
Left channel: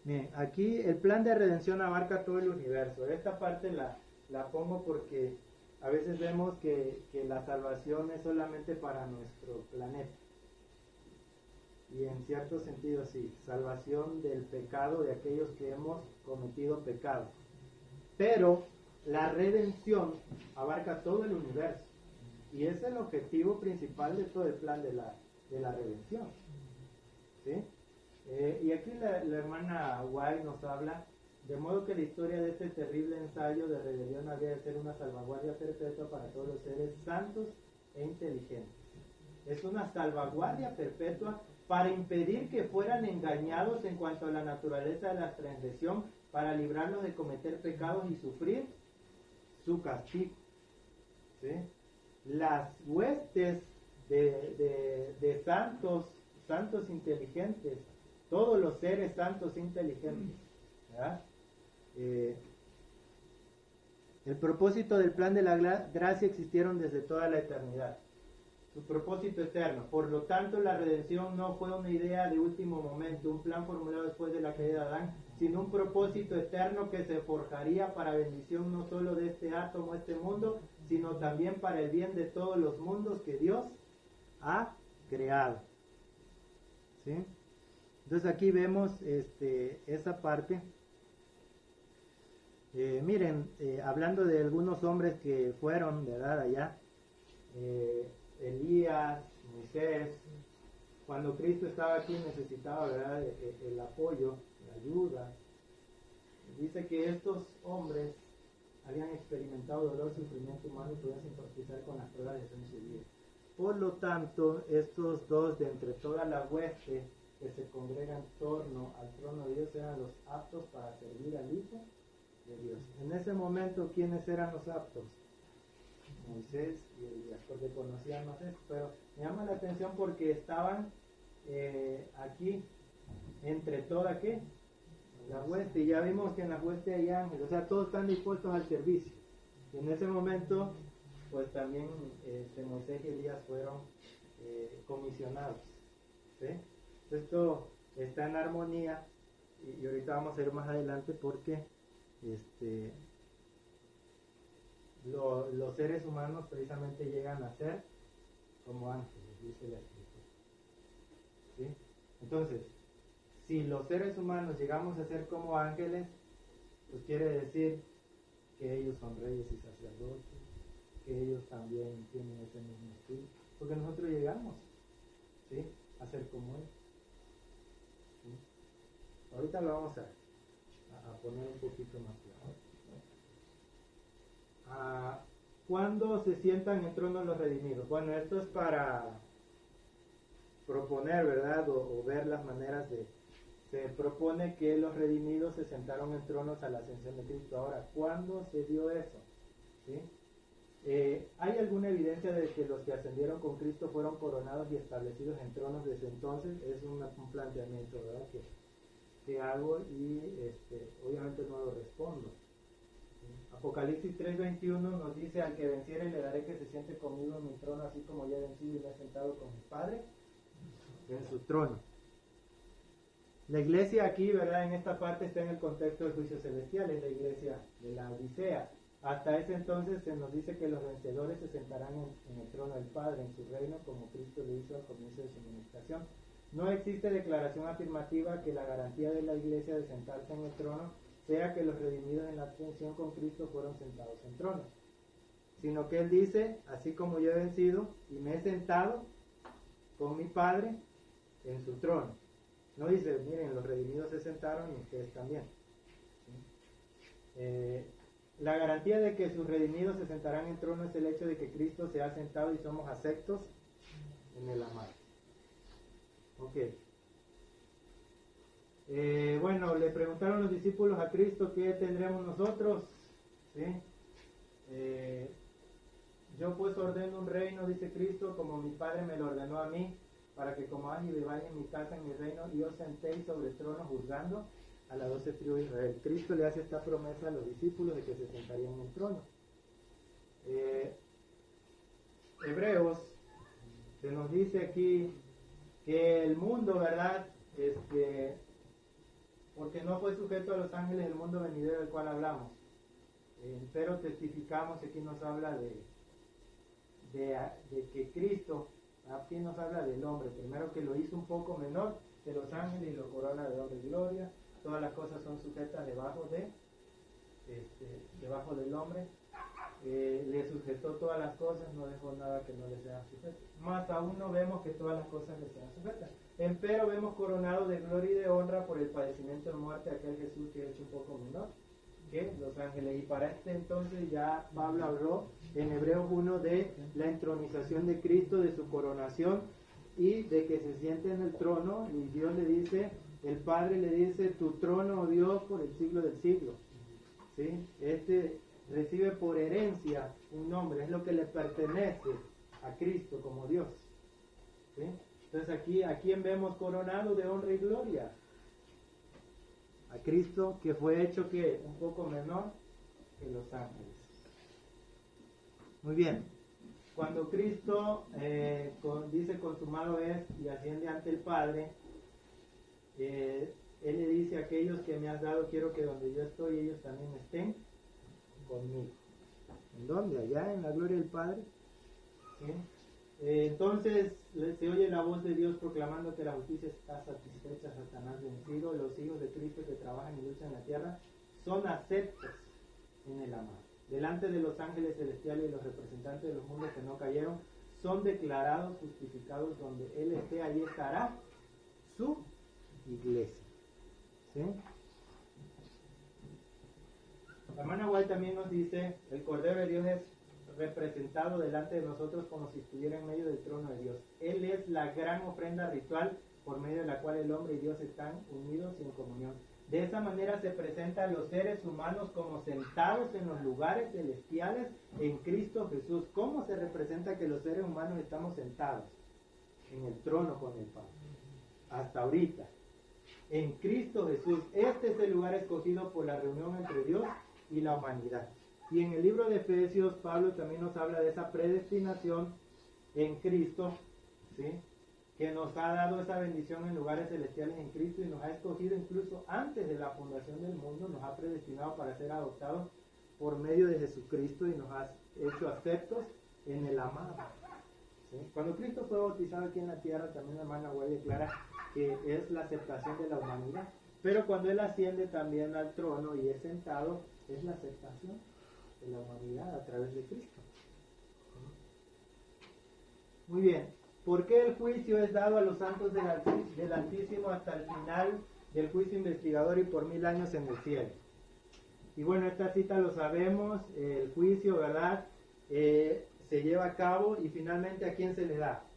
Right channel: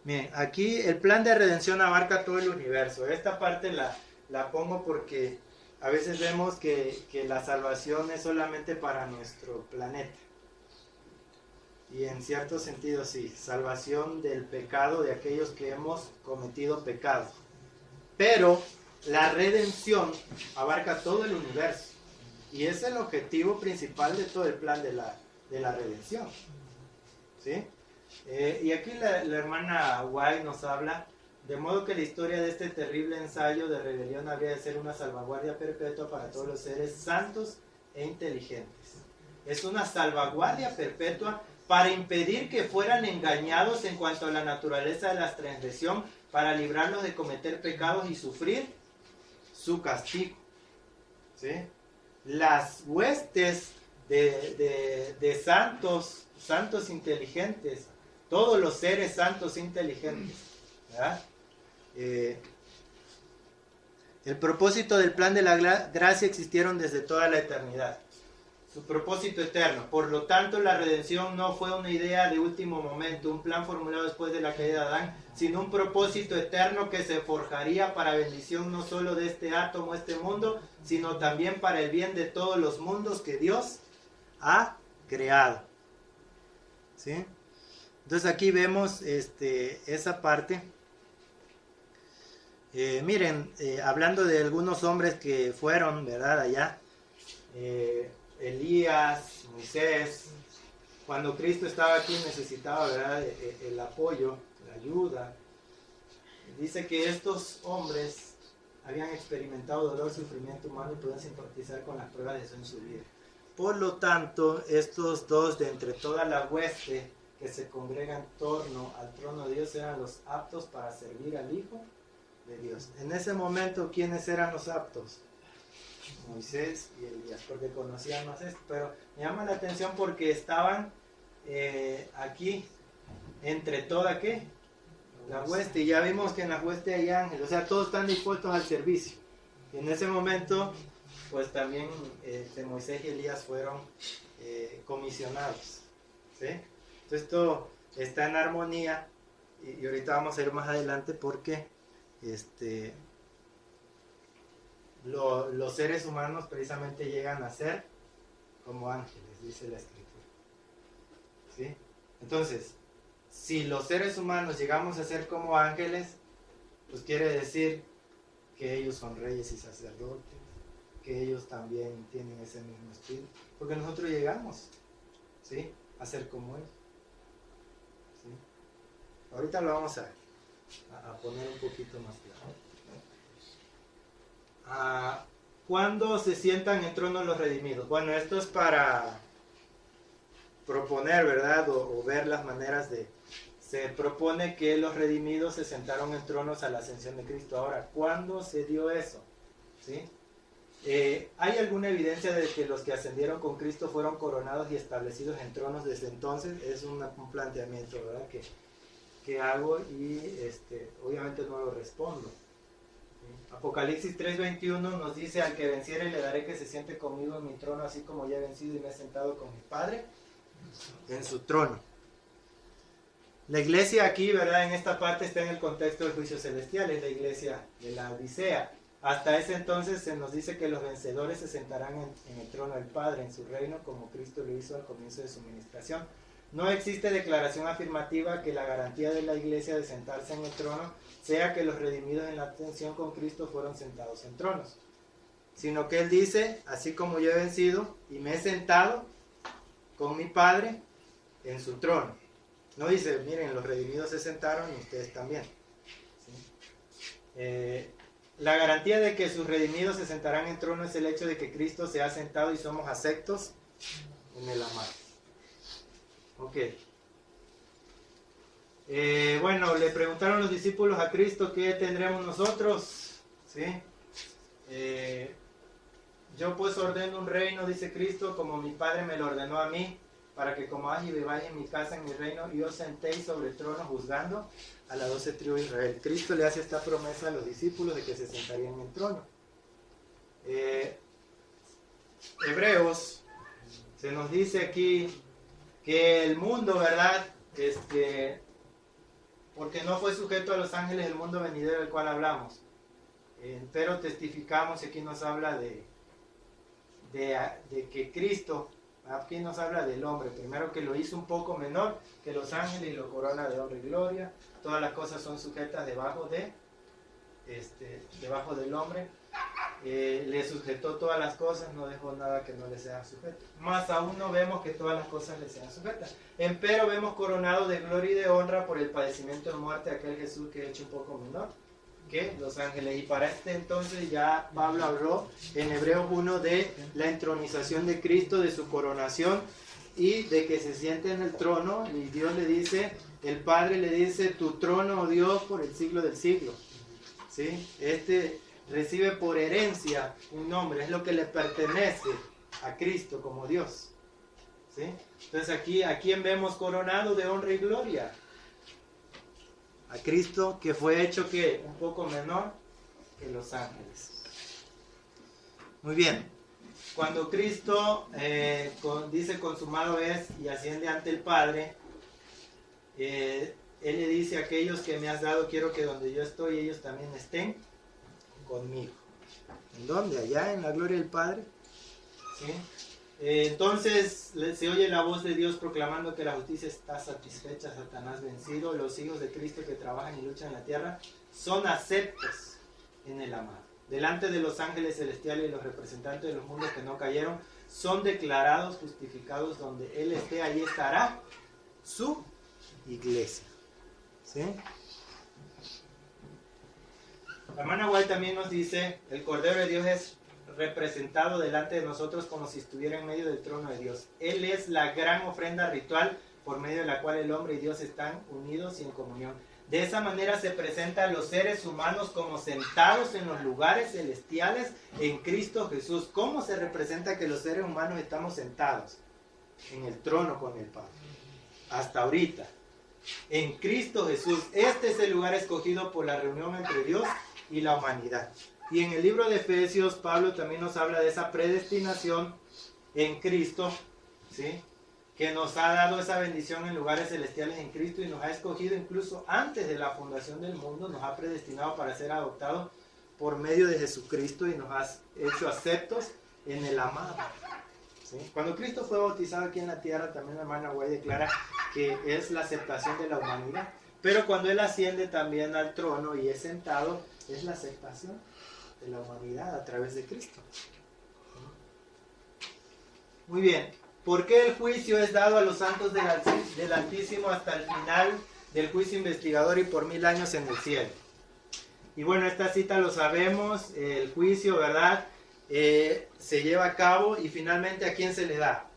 Bien, aquí el plan de redención abarca todo el universo. Esta parte la pongo porque a veces vemos que la salvación es solamente para nuestro planeta. Y en cierto sentido sí, salvación del pecado de aquellos que hemos cometido pecado. Pero la redención abarca todo el universo. Y es el objetivo principal de todo el plan de la redención. ¿Sí? Y aquí la hermana White nos habla, de modo que la historia de este terrible ensayo de rebelión habría de ser una salvaguardia perpetua para todos los seres santos e inteligentes. Es una salvaguardia perpetua para impedir que fueran engañados en cuanto a la naturaleza de la transgresión, para librarlos de cometer pecados y sufrir su castigo. ¿Sí? Las huestes de santos inteligentes, todos los seres santos inteligentes, ¿verdad? El propósito del plan de la gracia existieron desde toda la eternidad. Su propósito eterno. Por lo tanto, la redención no fue una idea de último momento, un plan formulado después de la caída de Adán, sino un propósito eterno que se forjaría para bendición no solo de este átomo, este mundo, sino también para el bien de todos los mundos que Dios ha creado. ¿Sí? Entonces aquí vemos esa parte. Miren, hablando de algunos hombres que fueron, ¿verdad? Allá. Elías, Moisés, cuando Cristo estaba aquí necesitaba, ¿verdad?, el apoyo, la ayuda. Dice que estos hombres habían experimentado dolor, sufrimiento humano y podían simpatizar con las pruebas de eso en su vida. Por lo tanto, estos dos de entre toda la hueste que se congrega en torno al trono de Dios eran los aptos para servir al Hijo de Dios. En ese momento, ¿quiénes eran los aptos? Moisés y Elías, porque conocían más esto, pero me llama la atención porque estaban aquí entre toda ¿qué? La hueste, y ya vimos que en la hueste hay ángeles, o sea, todos están dispuestos al servicio. Y en ese momento, pues también Moisés y Elías fueron comisionados, ¿sí? Entonces esto está en armonía, y ahorita vamos a ir más adelante porque los seres humanos precisamente llegan a ser como ángeles, dice la escritura. ¿Sí? Entonces, si los seres humanos llegamos a ser como ángeles, pues quiere decir que ellos son reyes y sacerdotes, que ellos también tienen ese mismo espíritu, porque nosotros llegamos, ¿sí?, a ser como ellos. ¿Sí? Ahorita lo vamos a poner un poquito más claro. ¿Cuándo se sientan en trono los redimidos? Bueno, esto es para proponer, ¿verdad? O ver las maneras de se propone que los redimidos se sentaron en tronos a la ascensión de Cristo. Ahora, ¿cuándo se dio eso? ¿Sí? ¿Hay alguna evidencia de que los que ascendieron con Cristo fueron coronados y establecidos en tronos desde entonces? Es un planteamiento, ¿verdad?, que hago y obviamente no lo respondo. ¿Sí? Apocalipsis 3:21 nos dice: al que venciere le daré que se siente conmigo en mi trono, así como ya he vencido y me he sentado con mi Padre en su trono. La iglesia aquí, ¿verdad?, en esta parte está en el contexto del juicio celestial, es la iglesia de la Odisea. Hasta ese entonces se nos dice que los vencedores se sentarán en el trono del Padre, en su reino, como Cristo lo hizo al comienzo de su ministración. No existe declaración afirmativa que la garantía de la iglesia de sentarse en el trono sea que los redimidos en la ascensión con Cristo fueron sentados en tronos, sino que Él dice: así como yo he vencido y me he sentado con mi Padre en su trono. No dice: miren, los redimidos se sentaron y ustedes también. ¿Sí? La garantía de que sus redimidos se sentarán en trono es el hecho de que Cristo se ha sentado y somos aceptos en el amado. Ok. Bueno, le preguntaron los discípulos a Cristo: ¿qué tendremos nosotros? ¿Sí? Yo pues ordeno un reino, dice Cristo, como mi Padre me lo ordenó a mí, para que comáis y bebáis en mi casa, en mi reino, y os sentéis sobre el trono juzgando a las 12 tribus de Israel. Cristo le hace esta promesa a los discípulos de que se sentarían en el trono. Hebreos, se nos dice aquí que el mundo, ¿verdad?, porque no fue sujeto a los ángeles del mundo venidero del cual hablamos, pero testificamos, y aquí nos habla de que Cristo, aquí nos habla del hombre, primero que lo hizo un poco menor que los ángeles y lo corona de honra y gloria. Todas las cosas son sujetas debajo del hombre. Le sujetó todas las cosas, no dejó nada que no le sea sujeto. Más aún no vemos que todas las cosas le sean sujetas. Empero vemos coronado de gloria y de honra por el padecimiento de muerte aquel Jesús que es hecho un poco menor que los ángeles. Y para este entonces ya Pablo habló en Hebreos 1 de la entronización de Cristo, de su coronación y de que se siente en el trono, y Dios le dice, el Padre le dice: tu trono, oh Dios, por el siglo del siglo. ¿Sí? Recibe por herencia un nombre, es lo que le pertenece a Cristo como Dios. ¿Sí? Entonces aquí, ¿a quién vemos coronado de honra y gloria? A Cristo, que fue hecho que un poco menor que los ángeles. Muy bien. Cuando Cristo dice consumado es y asciende ante el Padre, Él le dice: aquellos que me has dado quiero que donde yo estoy ellos también estén conmigo. ¿En dónde? Allá en la gloria del Padre. ¿Sí? Entonces se oye la voz de Dios proclamando que la justicia está satisfecha, Satanás vencido. Los hijos de Cristo que trabajan y luchan en la tierra son aceptos en el amado. Delante de los ángeles celestiales y los representantes de los mundos que no cayeron, son declarados justificados. Donde Él esté, allí estará su iglesia. ¿Sí? La hermana White también nos dice: el Cordero de Dios es representado delante de nosotros como si estuviera en medio del trono de Dios. Él es la gran ofrenda ritual por medio de la cual el hombre y Dios están unidos y en comunión. De esa manera se presentan los seres humanos como sentados en los lugares celestiales en Cristo Jesús. ¿Cómo se representa que los seres humanos estamos sentados en el trono con el Padre? Hasta ahorita, en Cristo Jesús. Este es el lugar escogido por la reunión entre Dios y la humanidad. Y en el libro de Efesios, Pablo también nos habla de esa predestinación en Cristo, ¿sí?, que nos ha dado esa bendición en lugares celestiales en Cristo, y nos ha escogido incluso antes de la fundación del mundo, nos ha predestinado para ser adoptados por medio de Jesucristo y nos ha hecho aceptos en el amado. ¿Sí? Cuando Cristo fue bautizado aquí en la tierra, también la hermana White declara que es la aceptación de la humanidad, pero cuando Él asciende también al trono y es sentado, es la aceptación de la humanidad a través de Cristo. Muy bien. ¿Por qué el juicio es dado a los santos del Altísimo hasta el final del juicio investigador y por 1000 años en el cielo? Y bueno, esta cita lo sabemos, el juicio, ¿verdad?, se lleva a cabo, y finalmente ¿a quién se le da?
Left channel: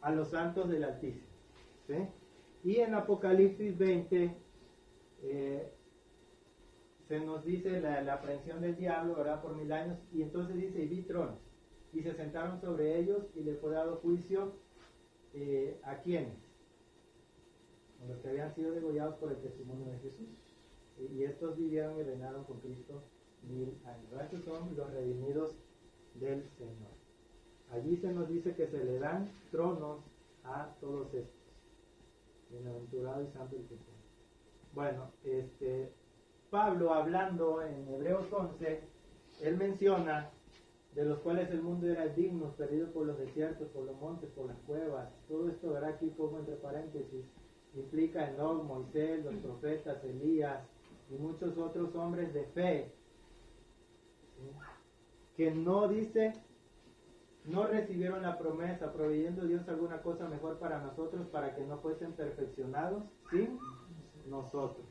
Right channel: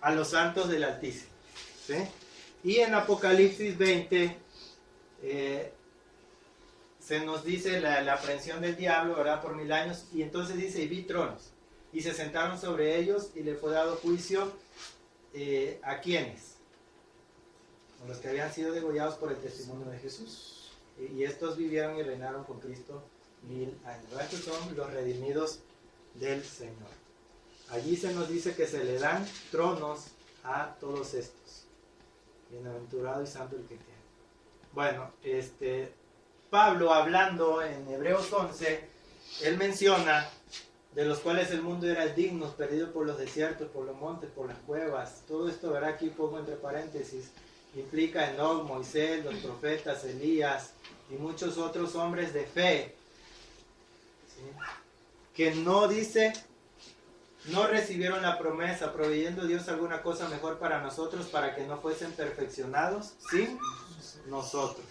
A los santos del Altísimo. ¿Sí? Y en Apocalipsis 20 se nos dice la aprehensión del diablo, ¿verdad? Por 1000 años. Y entonces dice, y vi tronos. Y se sentaron sobre ellos y le fue dado juicio ¿a quiénes? A los que habían sido degollados por el testimonio de Jesús. Y estos vivieron y reinaron con Cristo 1000 años. ¿Verdad? Estos son los redimidos del Señor. Allí se nos dice que se le dan tronos a todos estos. Bienaventurado y santo el que tiene. Bueno, Pablo, hablando en Hebreos 11, él menciona de los cuales el mundo era digno, perdido por los desiertos, por los montes, por las cuevas. Todo esto, verá, aquí pongo entre paréntesis, implica Enoc, Moisés, los profetas, Elías y muchos otros hombres de fe, ¿sí? Que no dice, no recibieron la promesa, proveyendo Dios alguna cosa mejor para nosotros, para que no fuesen perfeccionados sin nosotros,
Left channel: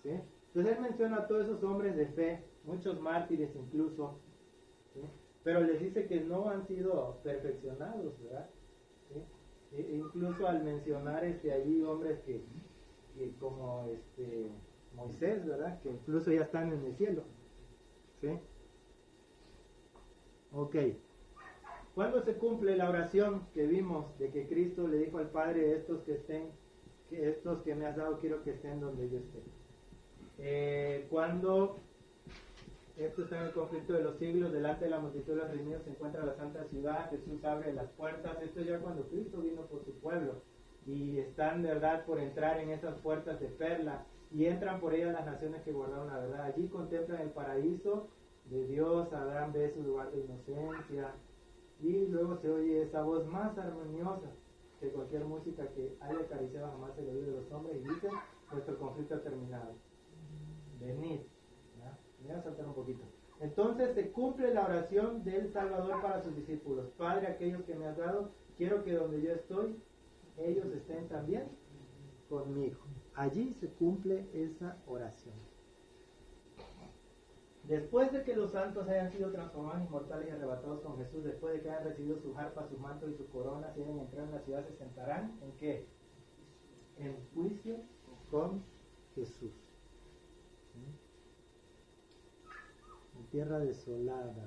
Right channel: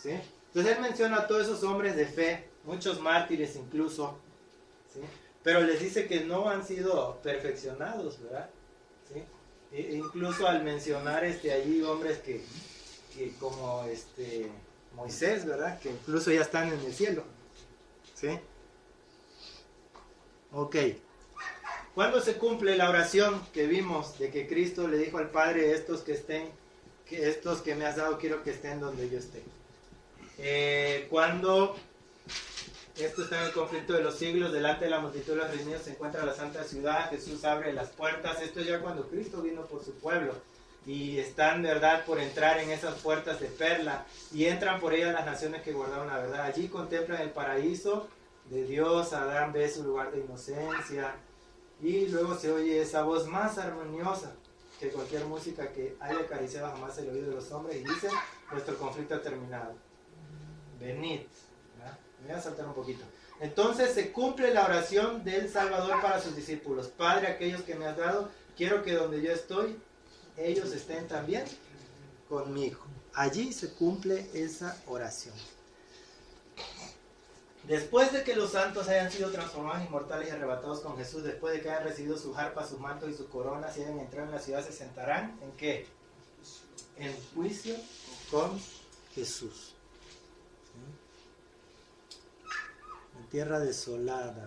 ¿sí? Entonces él menciona a todos esos hombres de fe, muchos mártires incluso, ¿sí? Pero les dice que no han sido perfeccionados, ¿verdad? ¿Sí? Incluso al mencionar allí hombres que como Moisés, ¿verdad? Que incluso ya están en el cielo, ¿sí? Ok. ¿Cuándo se cumple la oración que vimos de que Cristo le dijo al Padre, estos que me has dado quiero que estén donde yo esté? Cuando esto está en el conflicto de los siglos, delante de la multitud de los redimidos se encuentra la santa ciudad, Jesús abre las puertas. Esto es ya cuando Cristo vino por su pueblo y están, verdad, por entrar en esas puertas de perla y entran por ellas las naciones que guardaron la verdad. Allí contemplan el paraíso de Dios. Adán ve su lugar de inocencia y luego se oye esa voz más armoniosa que cualquier música que haya acariciado jamás el oído de los hombres y dice, nuestro conflicto ha terminado, venid. Me voy a saltar un poquito. Entonces se cumple la oración del Salvador para sus discípulos. Padre, aquellos que me has dado, quiero que donde yo estoy, ellos estén también conmigo. Allí se cumple esa oración. Después de que los santos hayan sido transformados inmortales y arrebatados con Jesús, después de que hayan recibido sus arpas, sus mantos y sus coronas y hayan entrado en la ciudad, se sentarán ¿en qué? En juicio con Jesús. Tierra desolada.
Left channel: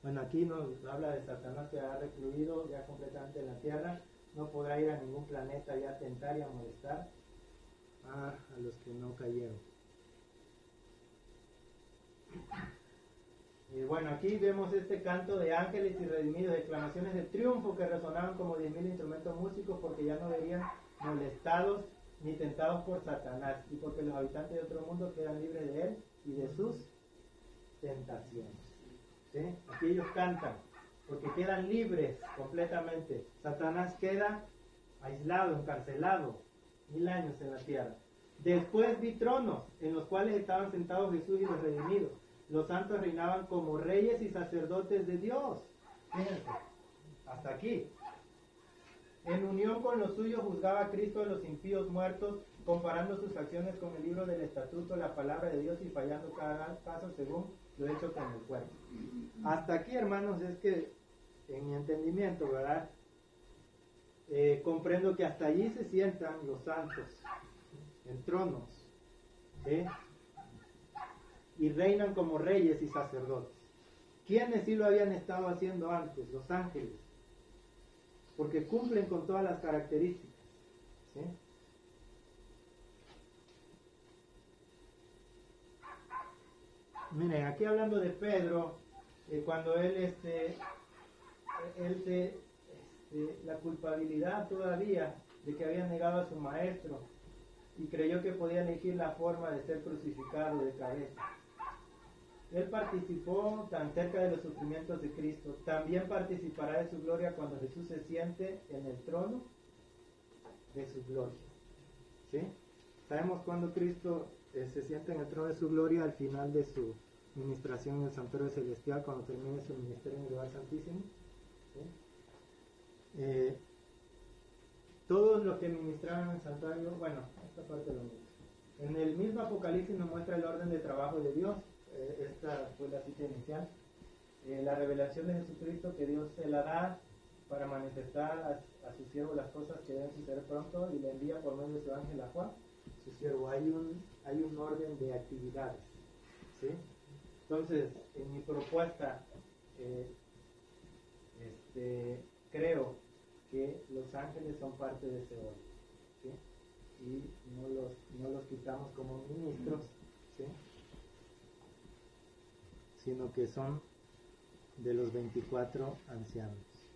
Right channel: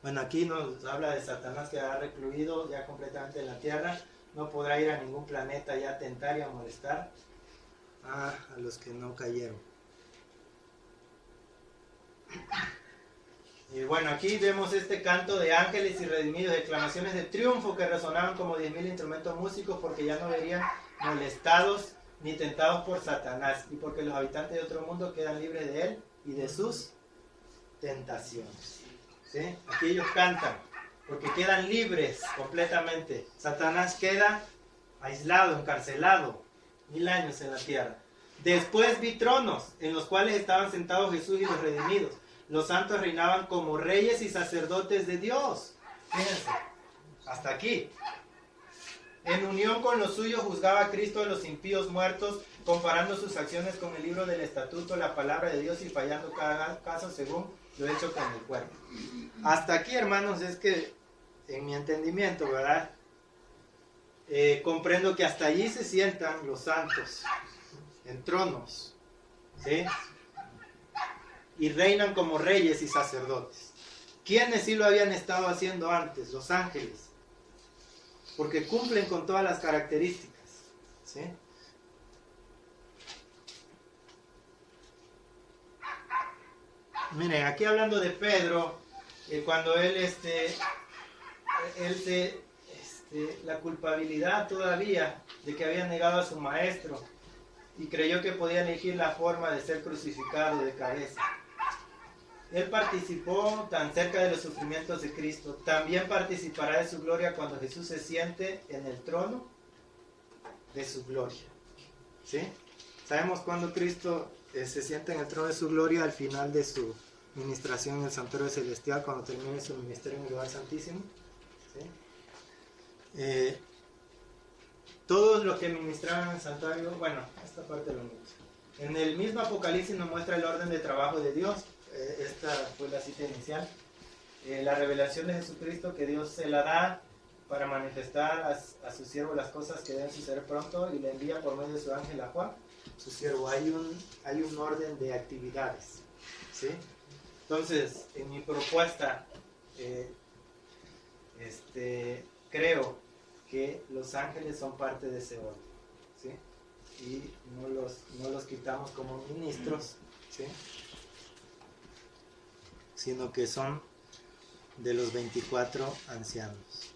Bueno, aquí nos habla de Satanás que ha recluido ya completamente en la tierra. No podrá ir a ningún planeta ya a tentar y a molestar a los que no cayeron. Y bueno, aquí vemos este canto de ángeles y redimidos, exclamaciones de triunfo que resonaban como 10.000 instrumentos músicos porque ya no verían molestados ni tentados por Satanás y porque los habitantes de otro mundo quedan libres de él y de sus tentaciones. ¿Sí? Aquí ellos cantan porque quedan libres completamente. Satanás queda aislado, encarcelado 1000 años en la tierra. Después vi tronos en los cuales estaban sentados Jesús y los redimidos. Los santos reinaban como reyes y sacerdotes de Dios. Fíjense, hasta aquí. En unión con los suyos juzgaba a Cristo a los impíos muertos, comparando sus acciones con el libro del estatuto, la palabra de Dios y fallando cada caso según lo hecho con el cuerpo. Hasta aquí, hermanos, es que en mi entendimiento, ¿verdad? Comprendo que hasta allí se sientan los santos en tronos, ¿sí? Y reinan como reyes y sacerdotes. ¿Quiénes sí lo habían estado haciendo antes? Los ángeles, porque cumplen con todas las características, ¿sí? Miren, aquí hablando de Pedro, cuando él la culpabilidad todavía de que había negado a su maestro y creyó que podía elegir la forma de ser crucificado de cabeza. Él participó tan cerca de los sufrimientos de Cristo, también participará de su gloria cuando Jesús se siente en el trono de su gloria. ¿Sí? Sabemos cuando Cristo se sienta en el trono de su gloria al final de su ministración en el santuario celestial, cuando termine su ministerio en el lugar santísimo. ¿Sí? Todos los que ministraban en el santuario, bueno, esta parte lo mismo. En el mismo Apocalipsis nos muestra el orden de trabajo de Dios. Esta fue la cita inicial. La revelación de Jesucristo que Dios se la da para manifestar a su siervo las cosas que deben suceder pronto, y le envía por medio de su ángel a Juan, su siervo. Hay un orden de actividades, ¿sí? Entonces, en mi propuesta, creo que los ángeles son parte de ese orden, ¿sí? Y no los quitamos como ministros, ¿sí? Sino que son de los 24 ancianos.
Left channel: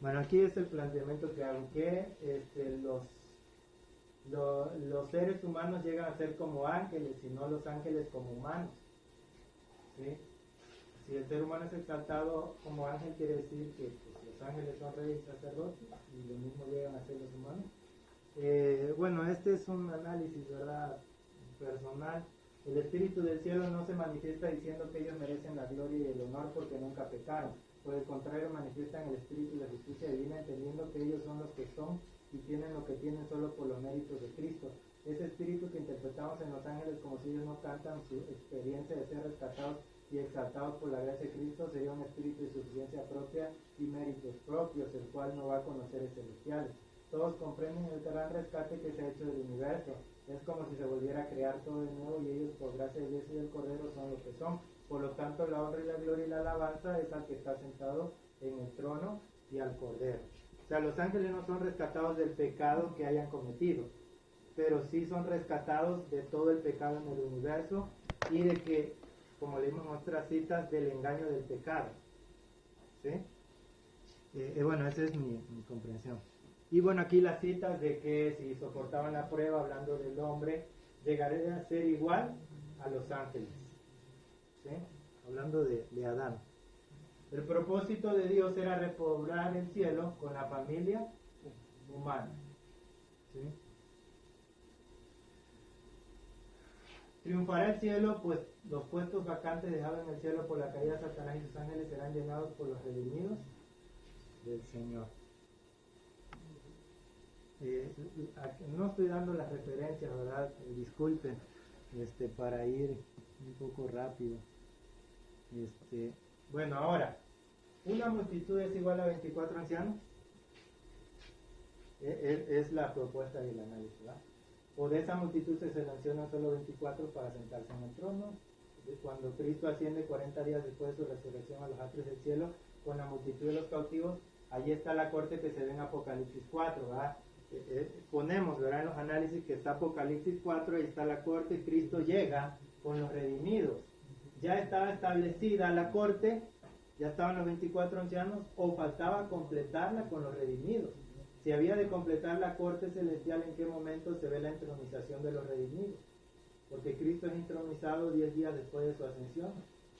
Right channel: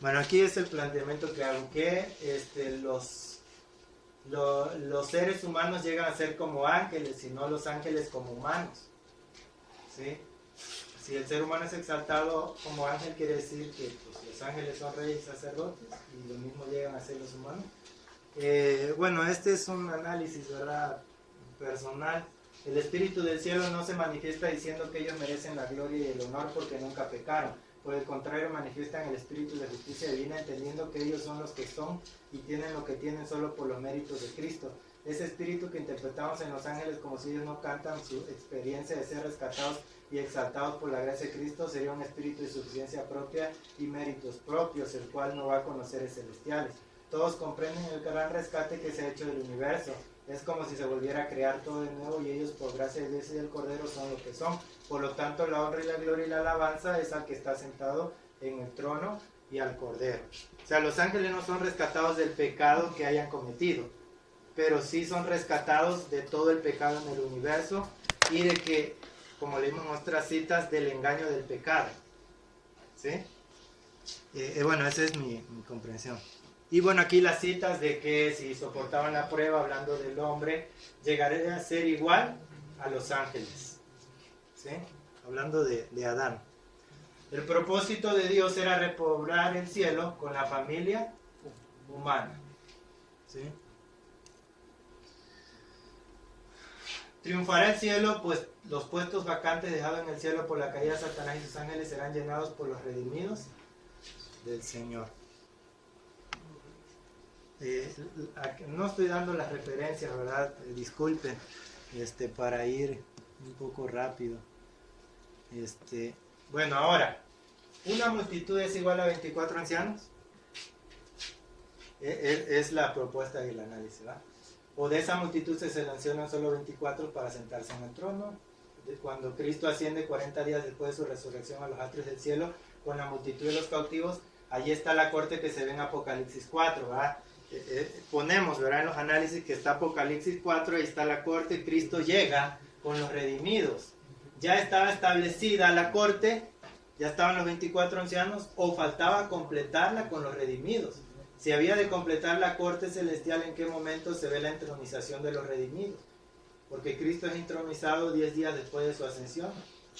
Bueno, aquí es el planteamiento que hago, que los seres humanos llegan a ser como ángeles y no los ángeles como humanos, ¿sí? Si el ser humano es exaltado como ángel, quiere decir que pues, los ángeles son reyes y sacerdotes, y lo mismo llegan a ser los humanos. Bueno, este es un análisis, ¿verdad?, personal. El Espíritu del cielo no se manifiesta diciendo que ellos merecen la gloria y el honor porque nunca pecaron. Por el contrario, manifiestan el Espíritu de justicia divina, entendiendo que ellos son los que son y tienen lo que tienen solo por los méritos de Cristo. Ese espíritu que interpretamos en los ángeles como si ellos no cantan su experiencia de ser rescatados y exaltados por la gracia de Cristo, sería un espíritu de suficiencia propia y méritos propios, el cual no va a conocer los celestiales. Todos comprenden el gran rescate que se ha hecho del universo. Es como si se volviera a crear todo de nuevo, y ellos por gracia de Dios y del Cordero son lo que son. Por lo tanto, la honra y la gloria y la alabanza es al que está sentado en el trono y al Cordero. O sea, los ángeles no son rescatados del pecado que hayan cometido, pero sí son rescatados de todo el pecado en el universo y de que, como leímos en otras citas, del engaño del pecado, ¿sí? Bueno, esa es mi comprensión. Y bueno, aquí las citas de que si soportaban la prueba, hablando del hombre, llegaría a ser igual a los ángeles, ¿sí? Hablando de Adán. El propósito de Dios era repoblar el cielo con la familia humana, ¿sí? Triunfará el cielo, pues los puestos vacantes dejados en el cielo por la caída de Satanás y sus ángeles serán llenados por los redimidos del Señor. No estoy dando las referencias, ¿verdad? Disculpen, para ir un poco rápido. Bueno, ahora, ¿una multitud es igual a 24 ancianos? Es la propuesta del análisis, ¿verdad? O de esa multitud se seleccionan solo 24 para sentarse en el trono. Cuando Cristo asciende 40 días después de su resurrección a los atrios del cielo con la multitud de los cautivos, allí está la corte que se ve en Apocalipsis 4, ¿verdad? Ponemos, ¿verdad?, en los análisis que está Apocalipsis 4, ahí está la corte, Cristo llega con los redimidos. Ya estaba establecida la corte, ya estaban los 24 ancianos, o faltaba completarla con los redimidos. Si había de completar la corte celestial, ¿en qué momento se ve la entronización de los redimidos? Porque Cristo es entronizado 10 días después de su ascensión.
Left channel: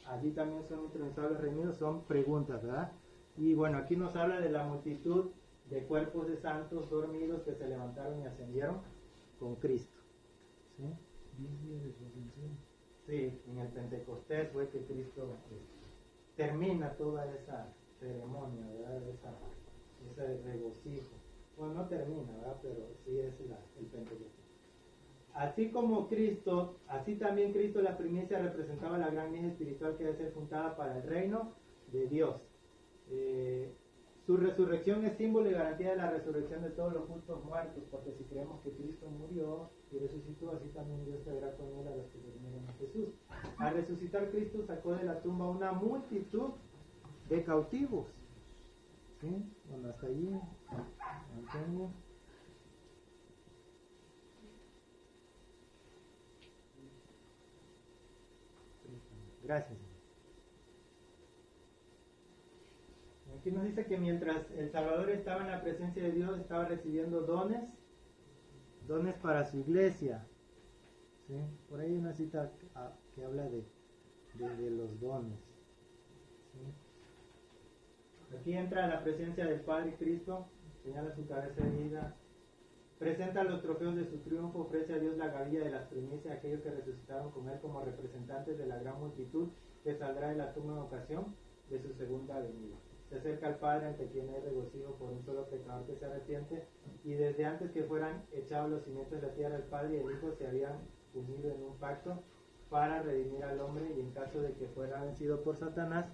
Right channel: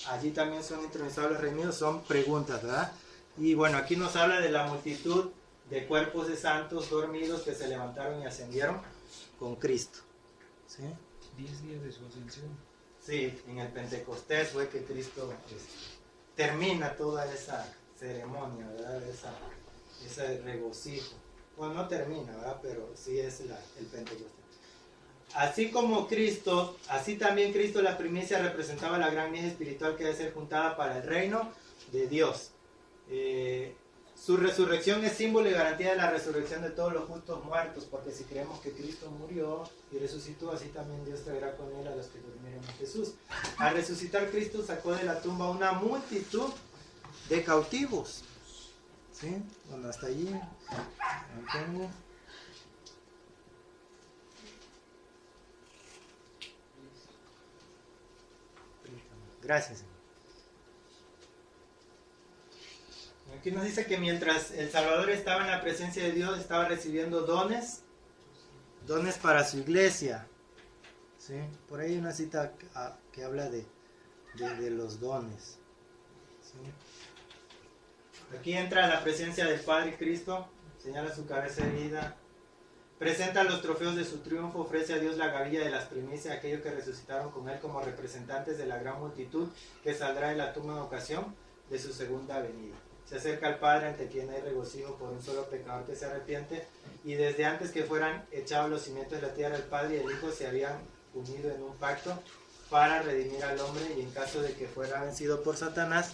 Allí también son entronizados los redimidos. Son preguntas, ¿verdad? Y bueno, aquí nos habla de la multitud de cuerpos de santos dormidos que se levantaron y ascendieron con Cristo, ¿sí? 10 días de su ascensión. Sí, en el Pentecostés fue que Cristo termina toda esa ceremonia, ¿verdad? Ese regocijo. Bueno, no termina, ¿verdad? Pero sí es el Pentecostés. Así como Cristo, así también Cristo, la primicia, representaba la gran mies espiritual que debe ser juntada para el reino de Dios. Su resurrección es símbolo y garantía de la resurrección de todos los justos muertos, porque si creemos que Cristo murió y resucitó, así también Dios traerá con él a los que durmieron en Jesús. Al resucitar, Cristo sacó de la tumba una multitud de cautivos, ¿sí? Bueno, hasta allí mantengo. Gracias. Aquí nos dice que mientras el Salvador estaba en la presencia de Dios, estaba recibiendo dones para su iglesia, ¿sí? Por ahí hay una cita que habla de los dones, ¿sí? Aquí entra la presencia del Padre Cristo, señala su cabeza herida, presenta los trofeos de su triunfo, ofrece a Dios la gavilla de las primicias a aquellos que resucitaron con él como representantes de la gran multitud que saldrá de la tumba en ocasión de su segunda venida. Se acerca al Padre, ante quien hay regocijo por un solo pecador que se arrepiente, y desde antes que fueran echados los cimientos de la tierra, el Padre y el Hijo se habían unido en un pacto para redimir al hombre, y en caso de que fuera vencido por Satanás,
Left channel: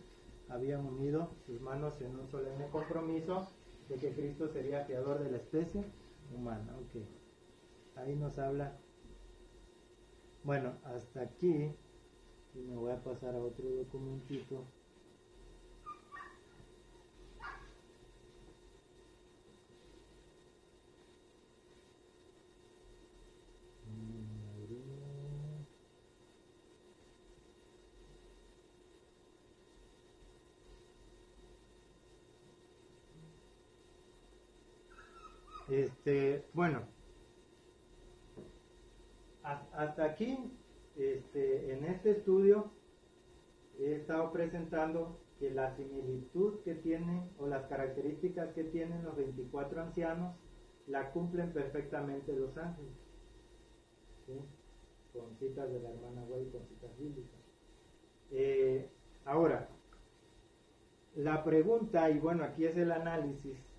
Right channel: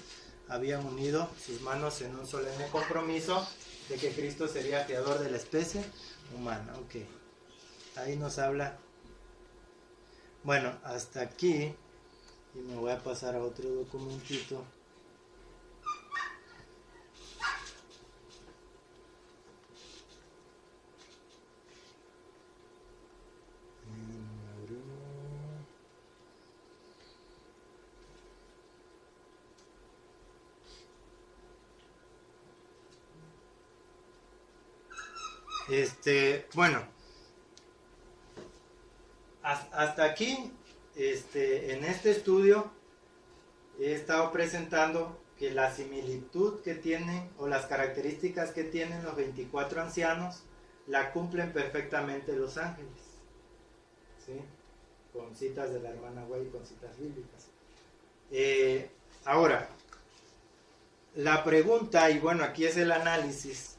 habían unido sus manos en un solemne compromiso de que Cristo sería creador de la especie humana. Ok, ahí nos habla. Bueno, hasta aquí, y me voy a pasar a otro documentito. Bueno, hasta aquí, en este estudio he estado presentando que la similitud que tienen o las características que tienen los 24 ancianos la cumplen perfectamente los ángeles, ¿sí? Con citas de la hermana White y con citas bíblicas. Ahora, la pregunta, y bueno, aquí es el análisis.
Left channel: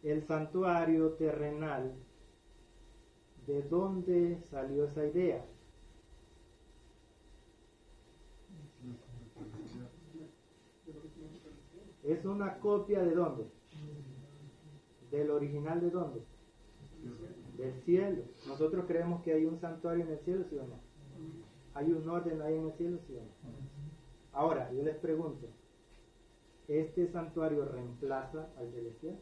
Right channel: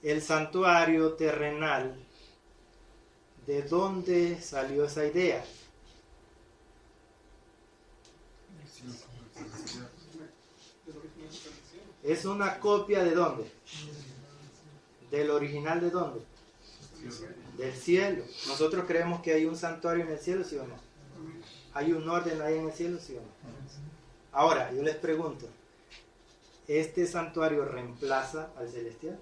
El santuario terrenal, ¿de dónde salió esa idea? ¿Es una copia de dónde? ¿Del original de dónde? Del cielo. Nosotros creemos que hay un santuario en el cielo, ¿sí o no? ¿Hay un orden ahí en el cielo, sí o no? Ahora, yo les pregunto, ¿este santuario reemplaza al celestial?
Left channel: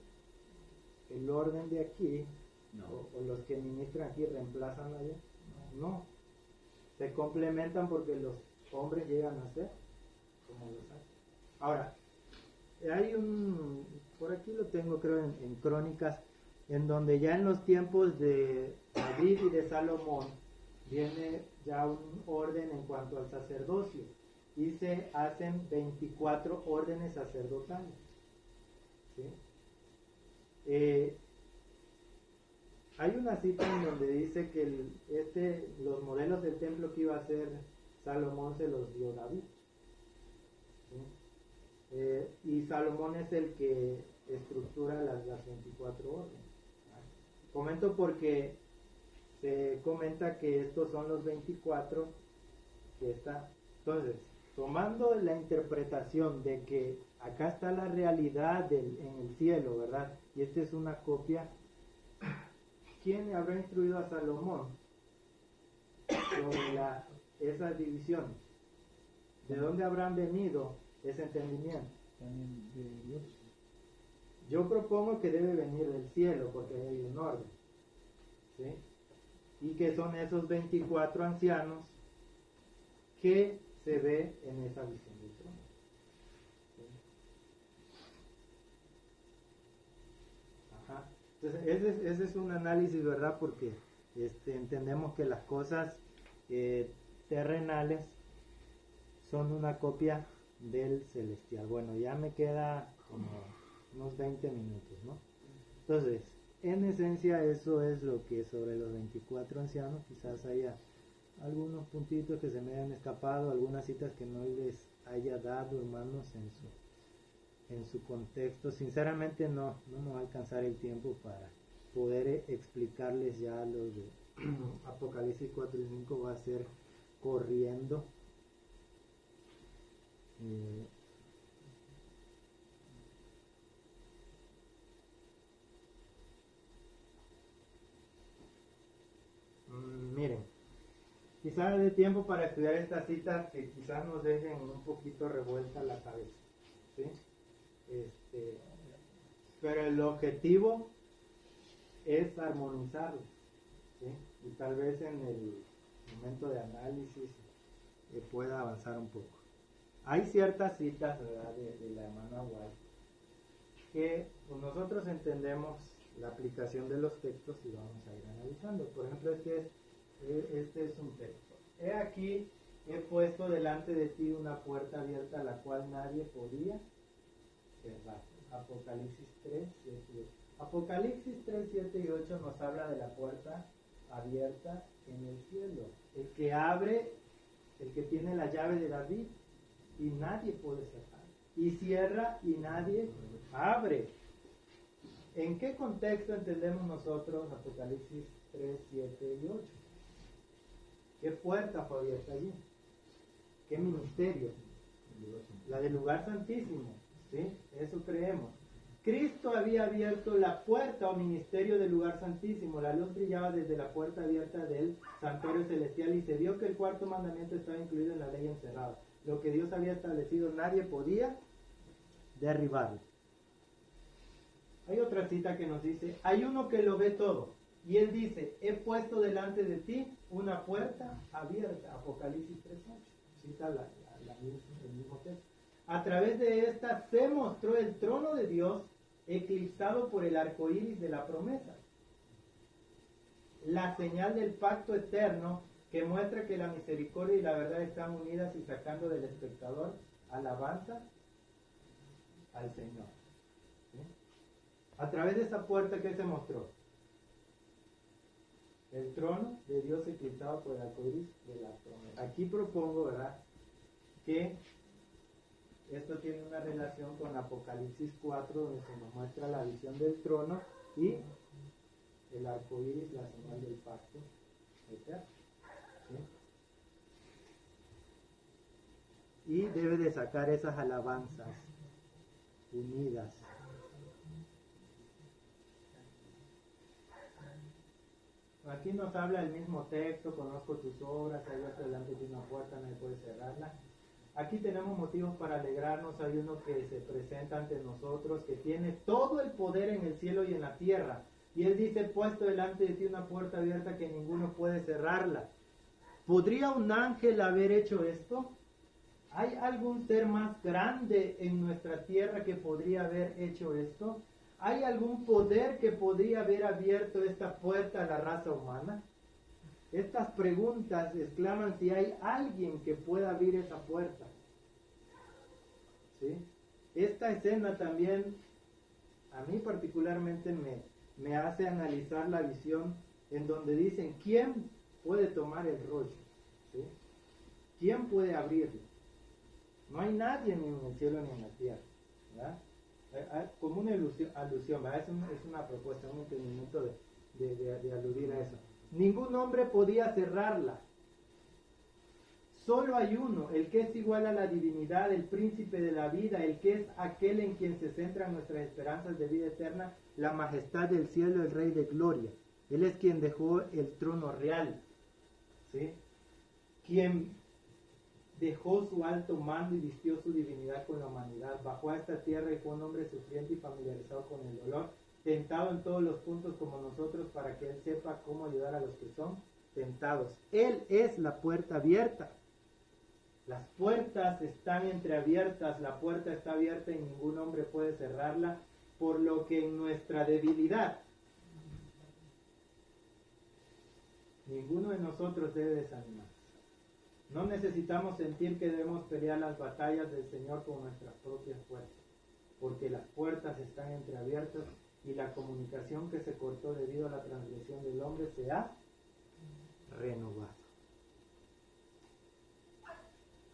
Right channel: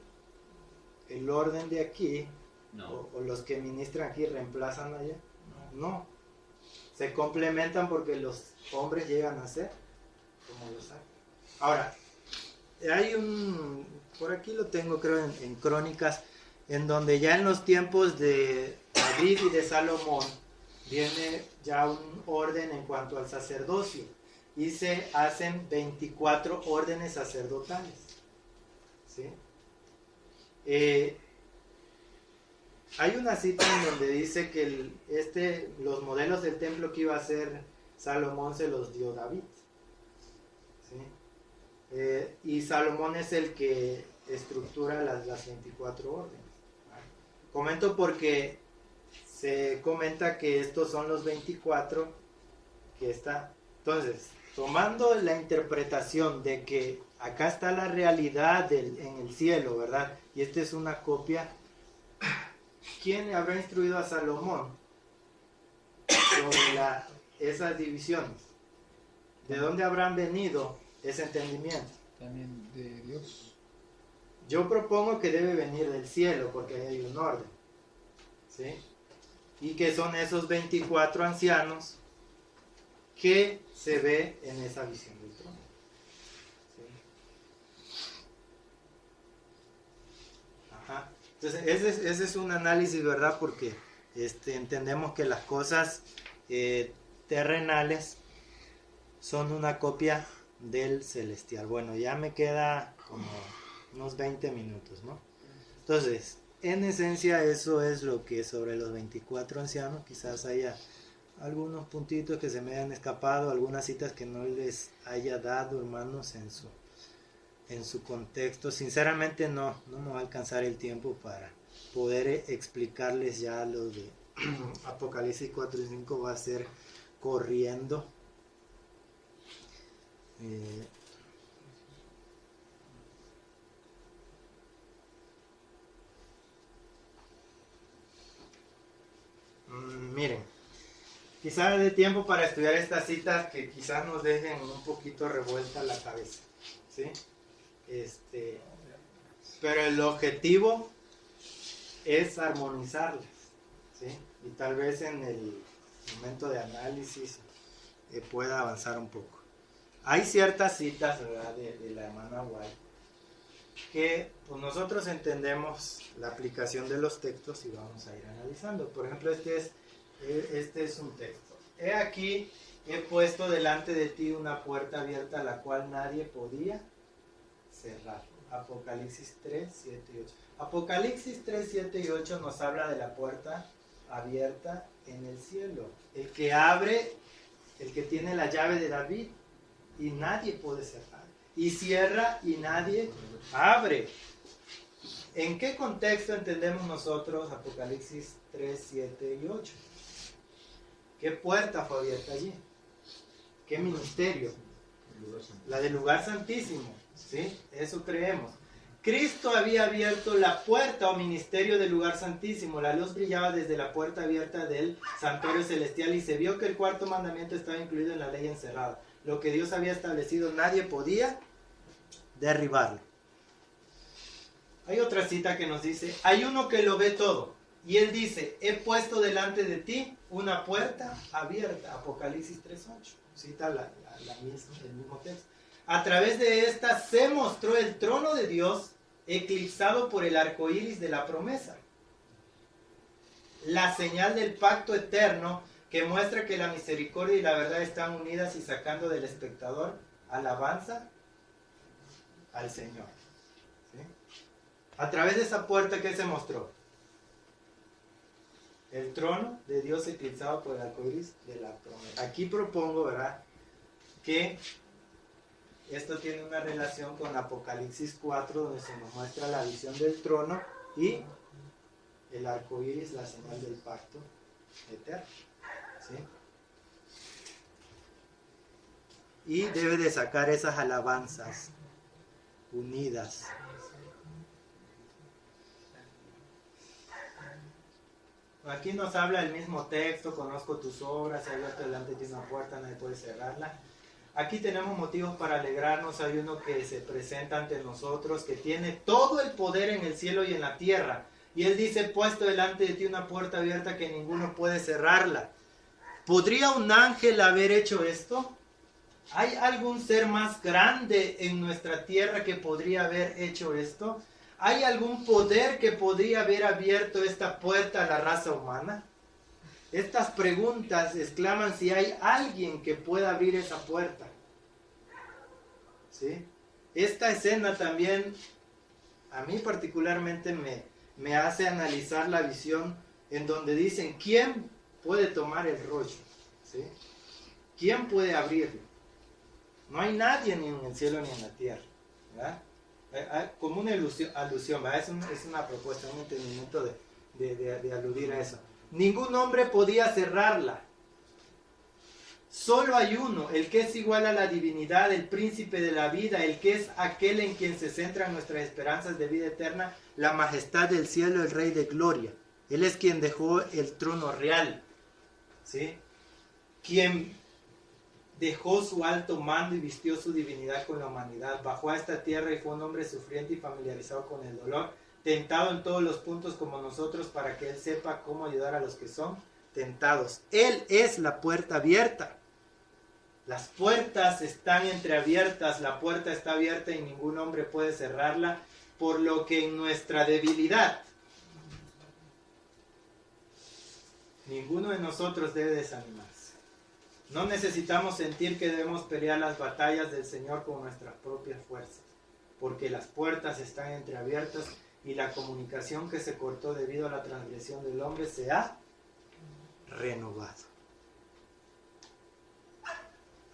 ¿El orden de aquí, no, o los que ministran aquí reemplazan allá? No. Se complementan porque los hombres llegan a ser como los ángeles. Ahora, hay por aquí lo tengo creo en Crónicas, en donde ya en los tiempos de David y de Salomón viene ya un orden en cuanto al sacerdocio y se hacen 24 órdenes sacerdotales, ¿sí? Hay una cita en donde dice que los modelos del templo que iba a hacer Salomón se los dio David, ¿sí? Y Salomón es el que estructura las 24 órdenes. Comento porque se comenta que estos son los 24 que está. Entonces, tomando la interpretación de que acá está la realidad en el cielo, ¿verdad? Y esta es una copia. ¿Quién habrá instruido a Salomón sobre esas divisiones? ¿De dónde habrán venido ese entendimiento? También de Dios. Yo propongo que debe venir del cielo porque ahí hay un orden, ¿sí? Y que son esos 24 ancianos que se ve en esa visión del trono, ¿sí? Ajá. Entonces ese es un análisis, ¿verdad? Porque entendemos que las cosas terrenales son una copia del celestial. Bueno, ya me queda como unos 20 minutos, ¿no? Entonces, en esencia eso es lo que sobre los 24 ancianos. Quizás haya algunos puntitos que se me hayan escapado, algunas citas que no les haya dado, hermanos, en su contexto. Sinceramente no me va a alcanzar el tiempo para poder explicarles ya lo de Apocalipsis 4 y 5, va a ser corriendo. Miren, quizás dé tiempo para estudiar estas citas que quizás nos dejen un poquito revuelta la cabeza, ¿sí? Pero el objetivo es armonizarlas, ¿sí? Y tal vez en el momento de análisis pueda avanzar un poco. Hay ciertas citas, ¿verdad?, de la hermana White que pues, nosotros entendemos la aplicación de los textos y vamos a ir analizando. Por ejemplo, este es un texto. He aquí, he puesto delante de ti una puerta abierta la cual nadie podía cerrar. Apocalipsis 3, 7 y 8. Apocalipsis 3, 7 y 8 nos habla de la puerta abierta en el cielo. El que abre, el que tiene la llave de David, y nadie puede cerrar. Y cierra y nadie abre. ¿En qué contexto entendemos nosotros Apocalipsis 3, 7 y 8? ¿Qué puerta fue abierta allí? ¿Qué ministerio? La del lugar santísimo, ¿sí? Eso creemos. Cristo había abierto la puerta o ministerio del lugar santísimo. La luz brillaba desde la puerta abierta del santuario celestial y se vio que el cuarto mandamiento estaba incluido en la ley encerrada. Lo que Dios había establecido, nadie podía derribarlo. Hay otra cita que nos dice, hay uno que lo ve todo. Y él dice, he puesto delante de ti una puerta abierta. Apocalipsis 3:8. Cita el mismo texto. A través de esta se mostró el trono de Dios eclipsado por el arco iris de la promesa. La señal del pacto eterno que muestra que la misericordia y la verdad están unidas y sacando del espectador alabanza al Señor. ¿Sí? A través de esa puerta, ¿qué se mostró? El trono de Dios eclipsado por el arco iris de la promesa. Aquí propongo, ¿verdad?, que esto tiene una relación con Apocalipsis 4, donde se nos muestra la visión del trono y el arco iris, la señal del pacto eterno. ¿Sí? Y debe de sacar esas alabanzas unidas. Aquí nos habla el mismo texto, conozco tus obras, he abierto delante de una puerta, nadie puede cerrarla. Aquí tenemos motivos para alegrarnos. Hay uno que se presenta ante nosotros, que tiene todo el poder en el cielo y en la tierra. Y él dice, puesto delante de ti una puerta abierta que ninguno puede cerrarla. ¿Podría un ángel haber hecho esto? ¿Hay algún ser más grande en nuestra tierra que podría haber hecho esto? ¿Hay algún poder que podría haber abierto esta puerta a la raza humana? Estas preguntas exclaman si hay alguien que pueda abrir esa puerta. ¿Sí? Esta escena también, a mí particularmente, me hace analizar la visión en donde dicen, ¿quién puede tomar el rollo? ¿Sí? ¿Quién puede abrirlo? No hay nadie ni en el cielo ni en la tierra, ¿verdad? Como una alusión, ¿verdad? Es una propuesta, un entendimiento de aludir a eso. Ningún hombre podía cerrarla. Solo hay uno, el que es igual a la divinidad, el príncipe de la vida, el que es aquel en quien se centran nuestras esperanzas de vida eterna, la majestad del cielo, el rey de gloria. Él es quien dejó el trono real, ¿sí? Quien dejó su alto mando y vistió su divinidad con la humanidad. Bajó a esta tierra y fue un hombre sufriente y familiarizado con el dolor, tentado en todos los puntos como nosotros, para que Él sepa cómo ayudar a los que son tentados. Él es la puerta abierta. Las puertas están entreabiertas, la puerta está abierta y ningún hombre puede cerrarla, por lo que en nuestra debilidad ninguno de nosotros debe desanimarse. No necesitamos sentir que debemos pelear las batallas del Señor con nuestras propias fuerzas, porque las puertas están entreabiertas y la comunicación que se cortó debido a la transgresión del hombre se ha renovado.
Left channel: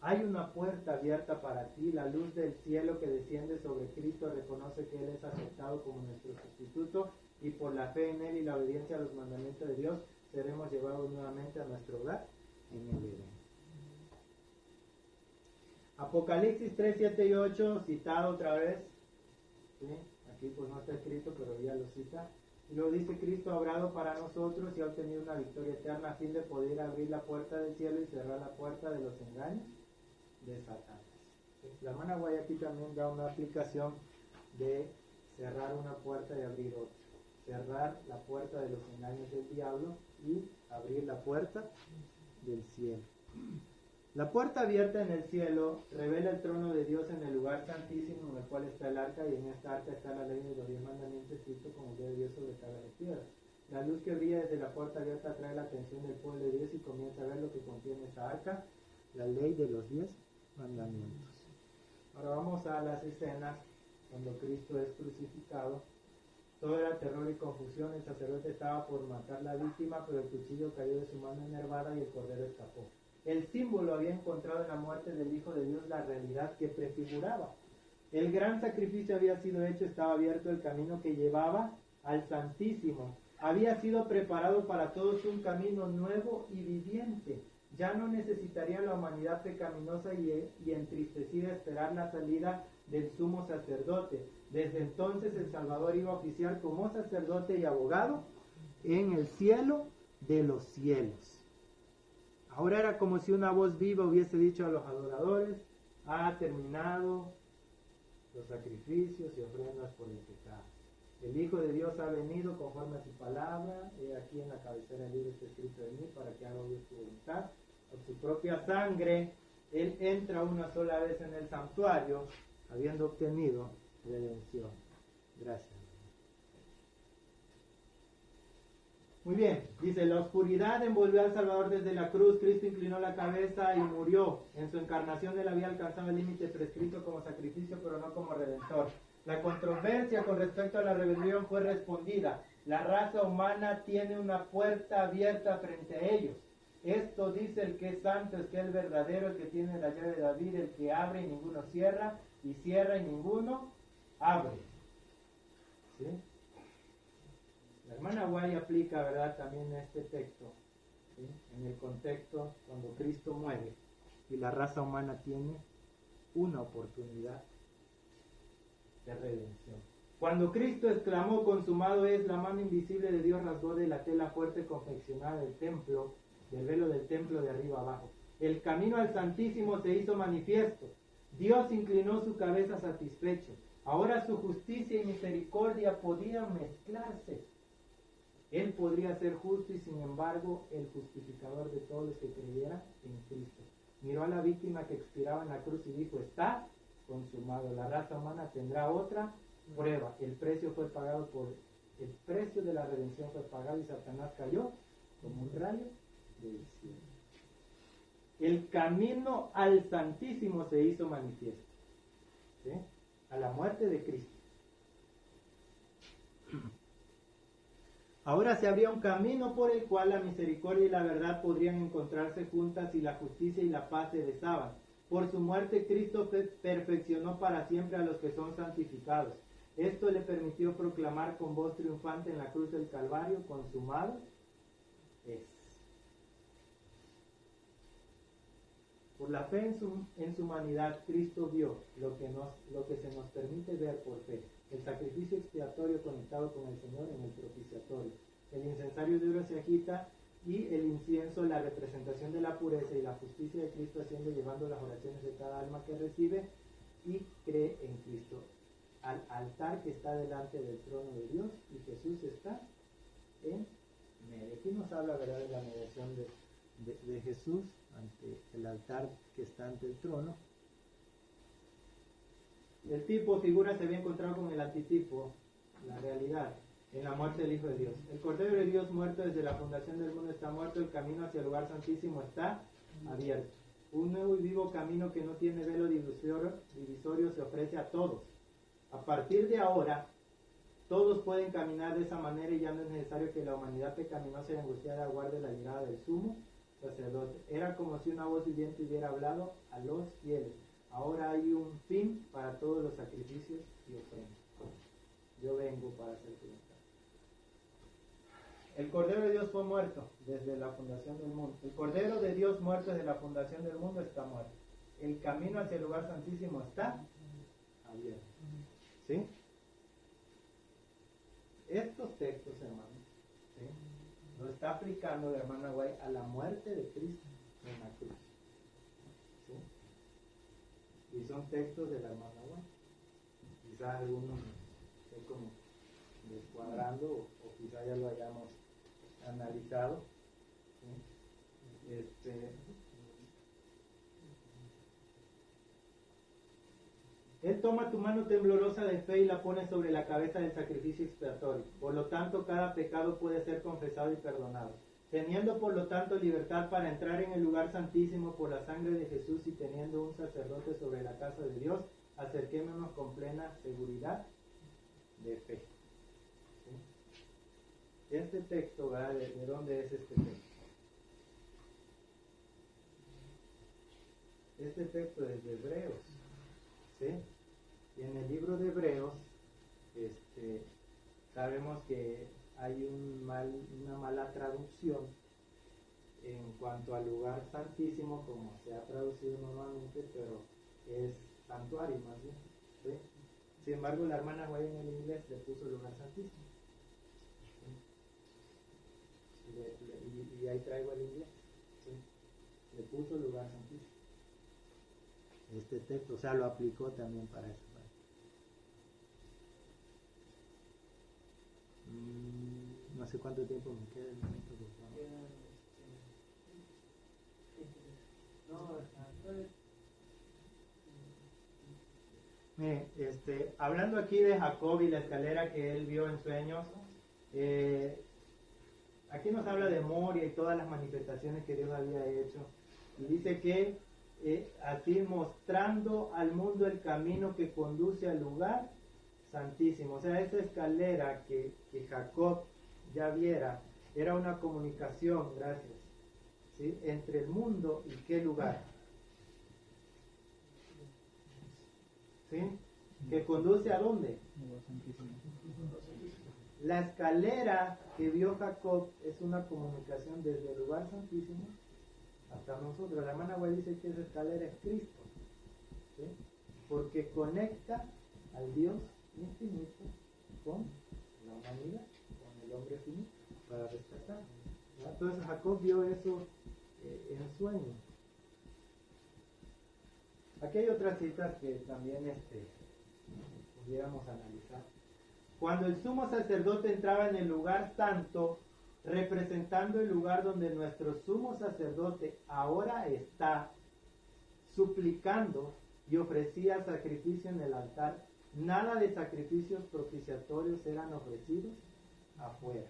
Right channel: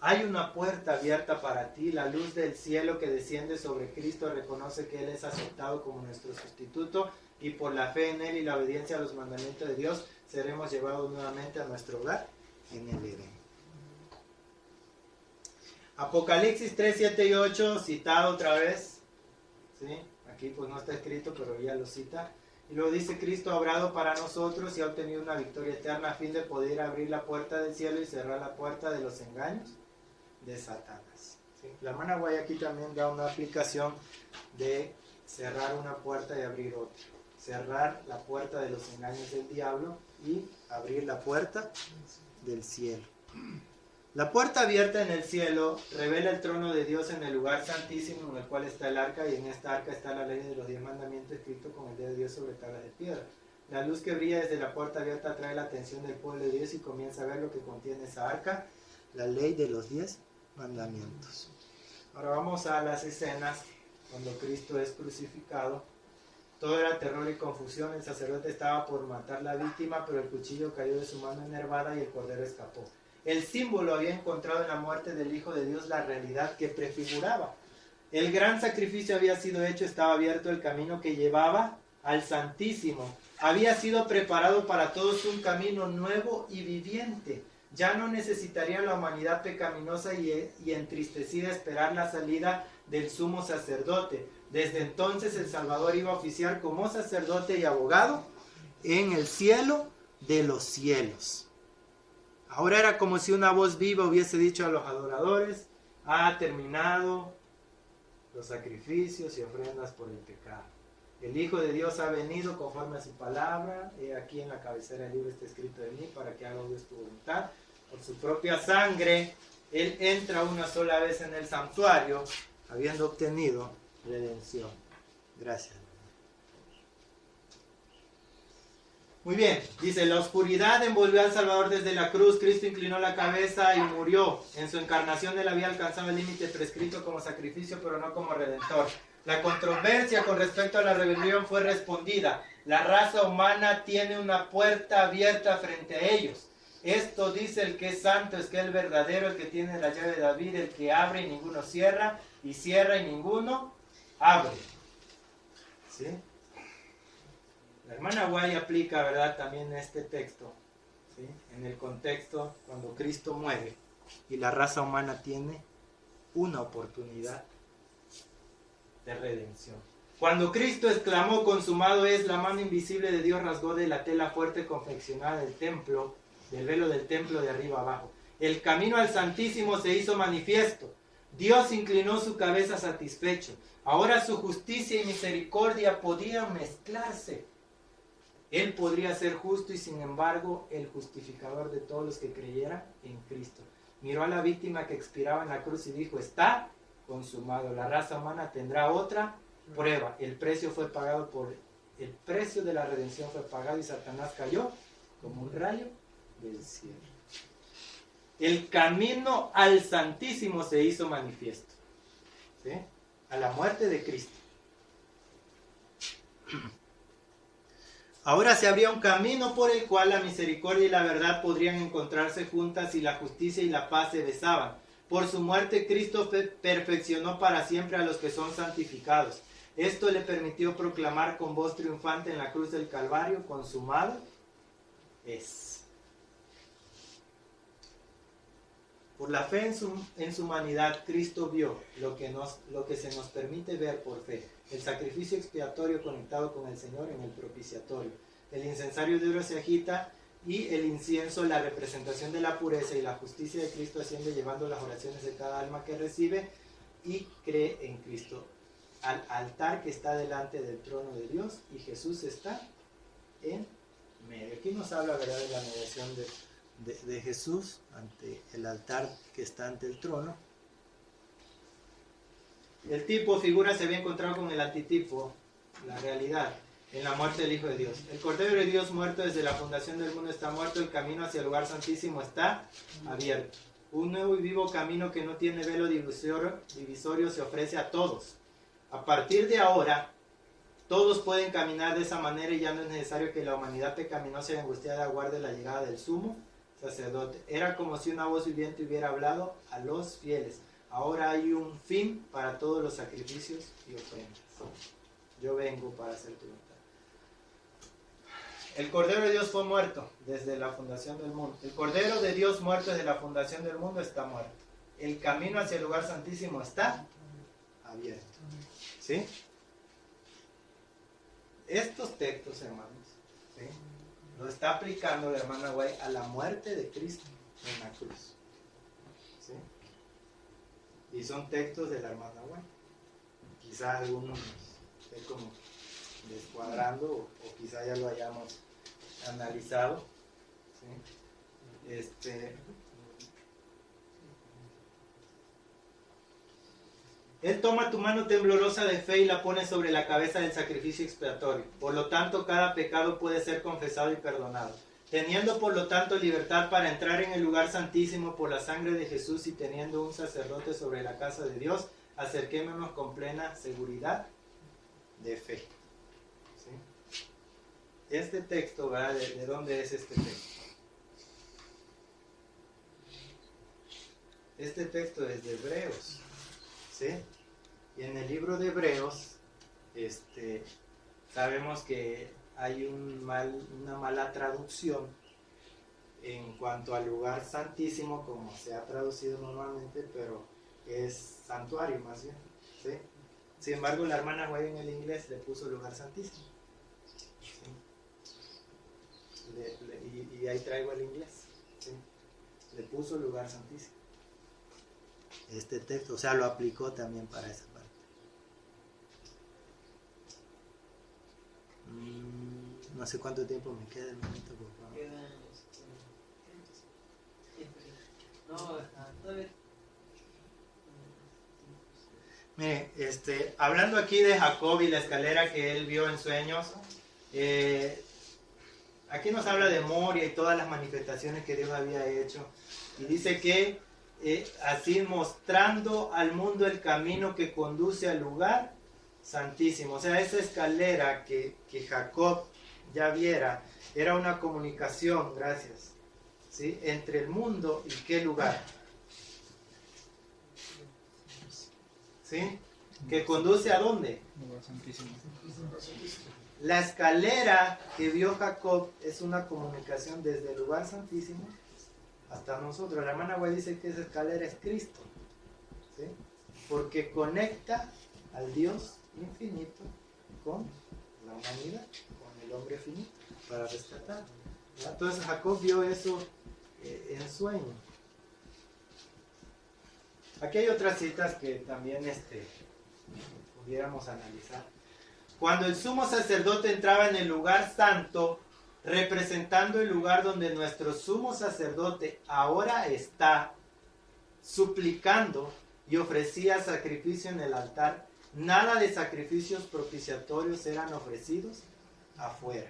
Hay una puerta abierta para ti, la luz del cielo que desciende sobre Cristo reconoce que Él es aceptado como nuestro sustituto y por la fe en Él y la obediencia a los mandamientos de Dios seremos llevados nuevamente a nuestro hogar en el Edén. Apocalipsis 3, 7 y 8, citado otra vez, ¿sí? Aquí pues no está escrito, pero ya lo cita. Y luego dice, Cristo ha obrado para nosotros y ha obtenido una victoria eterna a fin de poder abrir la puerta del cielo y cerrar la puerta de los engaños de Satanás. ¿Sí? La hermana Guay aquí también da una aplicación de cerrar una puerta y abrir otra. Cerrar la puerta de los engaños del diablo y abrir la puerta del cielo. La puerta abierta en el cielo revela el trono de Dios en el lugar santísimo en el cual está el arca, y en esta arca está la ley de los 10 mandamientos escrito con el dedo de Dios sobre tablas de piedra. La luz que brilla desde la puerta abierta atrae la atención del pueblo de Dios y comienza a ver lo que contiene esa arca, la ley de los 10 mandamientos. Ahora vamos a las escenas cuando Cristo es crucificado. Todo era terror y confusión, el sacerdote estaba por matar la víctima, pero el cuchillo cayó de su mano enervada y el cordero escapó. El símbolo había encontrado en la muerte del Hijo de Dios la realidad que prefiguraba. El gran sacrificio había sido hecho, estaba abierto el camino que llevaba al Santísimo. Había sido preparado para todos un camino nuevo y viviente. ya no necesitaría la humanidad pecaminosa y entristecida esperar la salida del sumo sacerdote. Desde entonces el Salvador iba a oficiar como sacerdote y abogado en el cielo de los cielos. Ahora era como si una voz viva hubiese dicho a los adoradores: ha terminado los sacrificios y ofrendas por el pecado. El Hijo de Dios ha venido conforme a su palabra. He aquí en la cabecera del libro está escrito de mí, para que haga Dios tu voluntad. Por su propia sangre, Él entra una sola vez en el santuario, habiendo obtenido redención. Gracias. Muy bien, dice: la oscuridad envolvió al Salvador desde la cruz. Cristo inclinó la cabeza y murió. En su encarnación Él había alcanzado el límite prescrito como sacrificio, pero no como redentor. La controversia con respecto a la rebelión fue respondida. La raza humana tiene una puerta abierta frente a ellos. Esto dice el que es santo, es que el verdadero, el que tiene la llave de David, el que abre y ninguno cierra, y cierra y ninguno abre. ¿Sí? La hermana Guay aplica, ¿verdad?, también este texto, ¿sí?, en el contexto cuando Cristo muere y la raza humana tiene una oportunidad de redención. Cuando Cristo exclamó: consumado es, la mano invisible de Dios rasgó de la tela fuerte confeccionada del templo, del velo del templo de arriba abajo. El camino al Santísimo se hizo manifiesto. Dios inclinó su cabeza satisfecho. Ahora su justicia y misericordia podían mezclarse. Él podría ser justo y sin embargo el justificador de todos los que creyeran en Cristo. Miró a la víctima que expiraba en la cruz y dijo: está consumado. La raza humana tendrá otra prueba. El precio de la redención fue pagado y Satanás cayó como un rayo del cielo. El camino al Santísimo se hizo manifiesto, ¿sí?, a la muerte de Cristo. Ahora se abría un camino por el cual la misericordia y la verdad podrían encontrarse juntas y la justicia y la paz se besaban. Por su muerte Cristo perfeccionó para siempre a los que son santificados. Esto le permitió proclamar con voz triunfante en la cruz del Calvario: consumado es. Por la fe en su humanidad, Cristo vio lo que se nos permite ver por fe: el sacrificio expiatorio conectado con el Señor en el propiciatorio. El incensario de oro se agita y el incienso, la representación de la pureza y la justicia de Cristo, asciende llevando las oraciones de cada alma que recibe y cree en Cristo al altar que está delante del trono de Dios, y Jesús está en medio. Aquí nos habla, ¿verdad?, de la mediación de Jesús ante el altar que está ante el trono. El tipo figura se había encontrado con el antitipo, la realidad, en la muerte del Hijo de Dios. El Cordero de Dios muerto desde la fundación del mundo está muerto. El camino hacia el lugar santísimo está abierto. Un nuevo y vivo camino que no tiene velo divisorio se ofrece a todos. A partir de ahora, todos pueden caminar de esa manera y ya no es necesario que la humanidad pecaminosa y angustiada aguarde la llegada del sumo sacerdote. Era como si una voz viviente hubiera hablado a los fieles. Ahora hay un fin para todos los sacrificios y ofrendas. Yo vengo para hacer tu voluntad. El Cordero de Dios fue muerto desde la fundación del mundo. El Cordero de Dios muerto desde la fundación del mundo está muerto. El camino hacia el lugar santísimo está abierto. ¿Sí? Estos textos, hermanos, ¿sí?, lo está aplicando la hermana Guay a la muerte de Cristo en la cruz. ¿Sí? Y son textos de la hermana Guay. Quizá algunos estén como descuadrando o quizá ya lo hayamos analizado. ¿Sí? Él toma tu mano temblorosa de fe y la pone sobre la cabeza del sacrificio expiatorio. Por lo tanto, cada pecado puede ser confesado y perdonado. Teniendo por lo tanto libertad para entrar en el lugar santísimo por la sangre de Jesús y teniendo un sacerdote sobre la casa de Dios, acerquémonos con plena seguridad de fe. ¿Sí? Este texto, ¿verdad? ¿De dónde es este texto? Este texto es de Hebreos. ¿Sí? Y en el libro de Hebreos sabemos que hay una mala traducción en cuanto al lugar santísimo, como se ha traducido normalmente, pero es santuario más bien, ¿sí? Sin embargo, la hermana White en el inglés le puso lugar santísimo, ¿sí? Y ahí traigo el inglés, ¿sí? Le puso lugar santísimo este texto, o sea, lo aplicó también para esa parte. No sé cuánto tiempo me queda el momento, por favor. Mire, hablando aquí de Jacob y la escalera que él vio en sueños, aquí nos habla de Moria y todas las manifestaciones que Dios había hecho. Y dice que así mostrando al mundo el camino que conduce al lugar santísimo. O sea, esa escalera que Jacob ya viera era una comunicación, gracias, ¿sí? Entre el mundo y qué lugar. ¿Sí? ¿Que conduce a dónde? Lugar santísimo. La escalera que vio Jacob es una comunicación desde el lugar santísimo hasta nosotros. La hermana White dice que esa escalera es Cristo, ¿sí? Porque conecta al Dios infinito con la humanidad, con el hombre finito, para rescatar. Entonces Jacob vio eso en sueño. Aquí hay otras citas que también pudiéramos analizar. Cuando el sumo sacerdote entraba en el lugar santo, representando el lugar donde nuestro sumo sacerdote ahora está, suplicando y ofrecía sacrificio en el altar, nada de sacrificios propiciatorios eran ofrecidos afuera.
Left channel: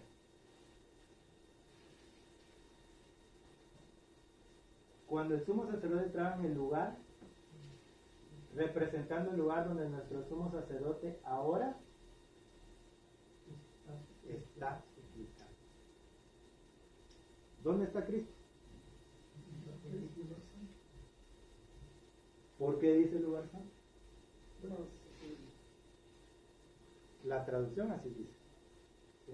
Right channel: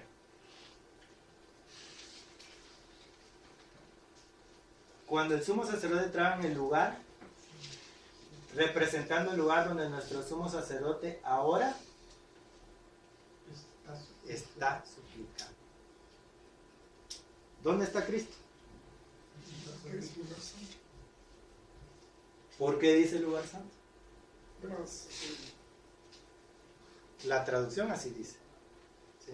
Cuando el sumo sacerdote entraba en el lugar, representando el lugar donde nuestro sumo sacerdote ahora está suplicando. ¿Dónde está Cristo? ¿Por qué dice lugar santo? La traducción así dice, ¿sí?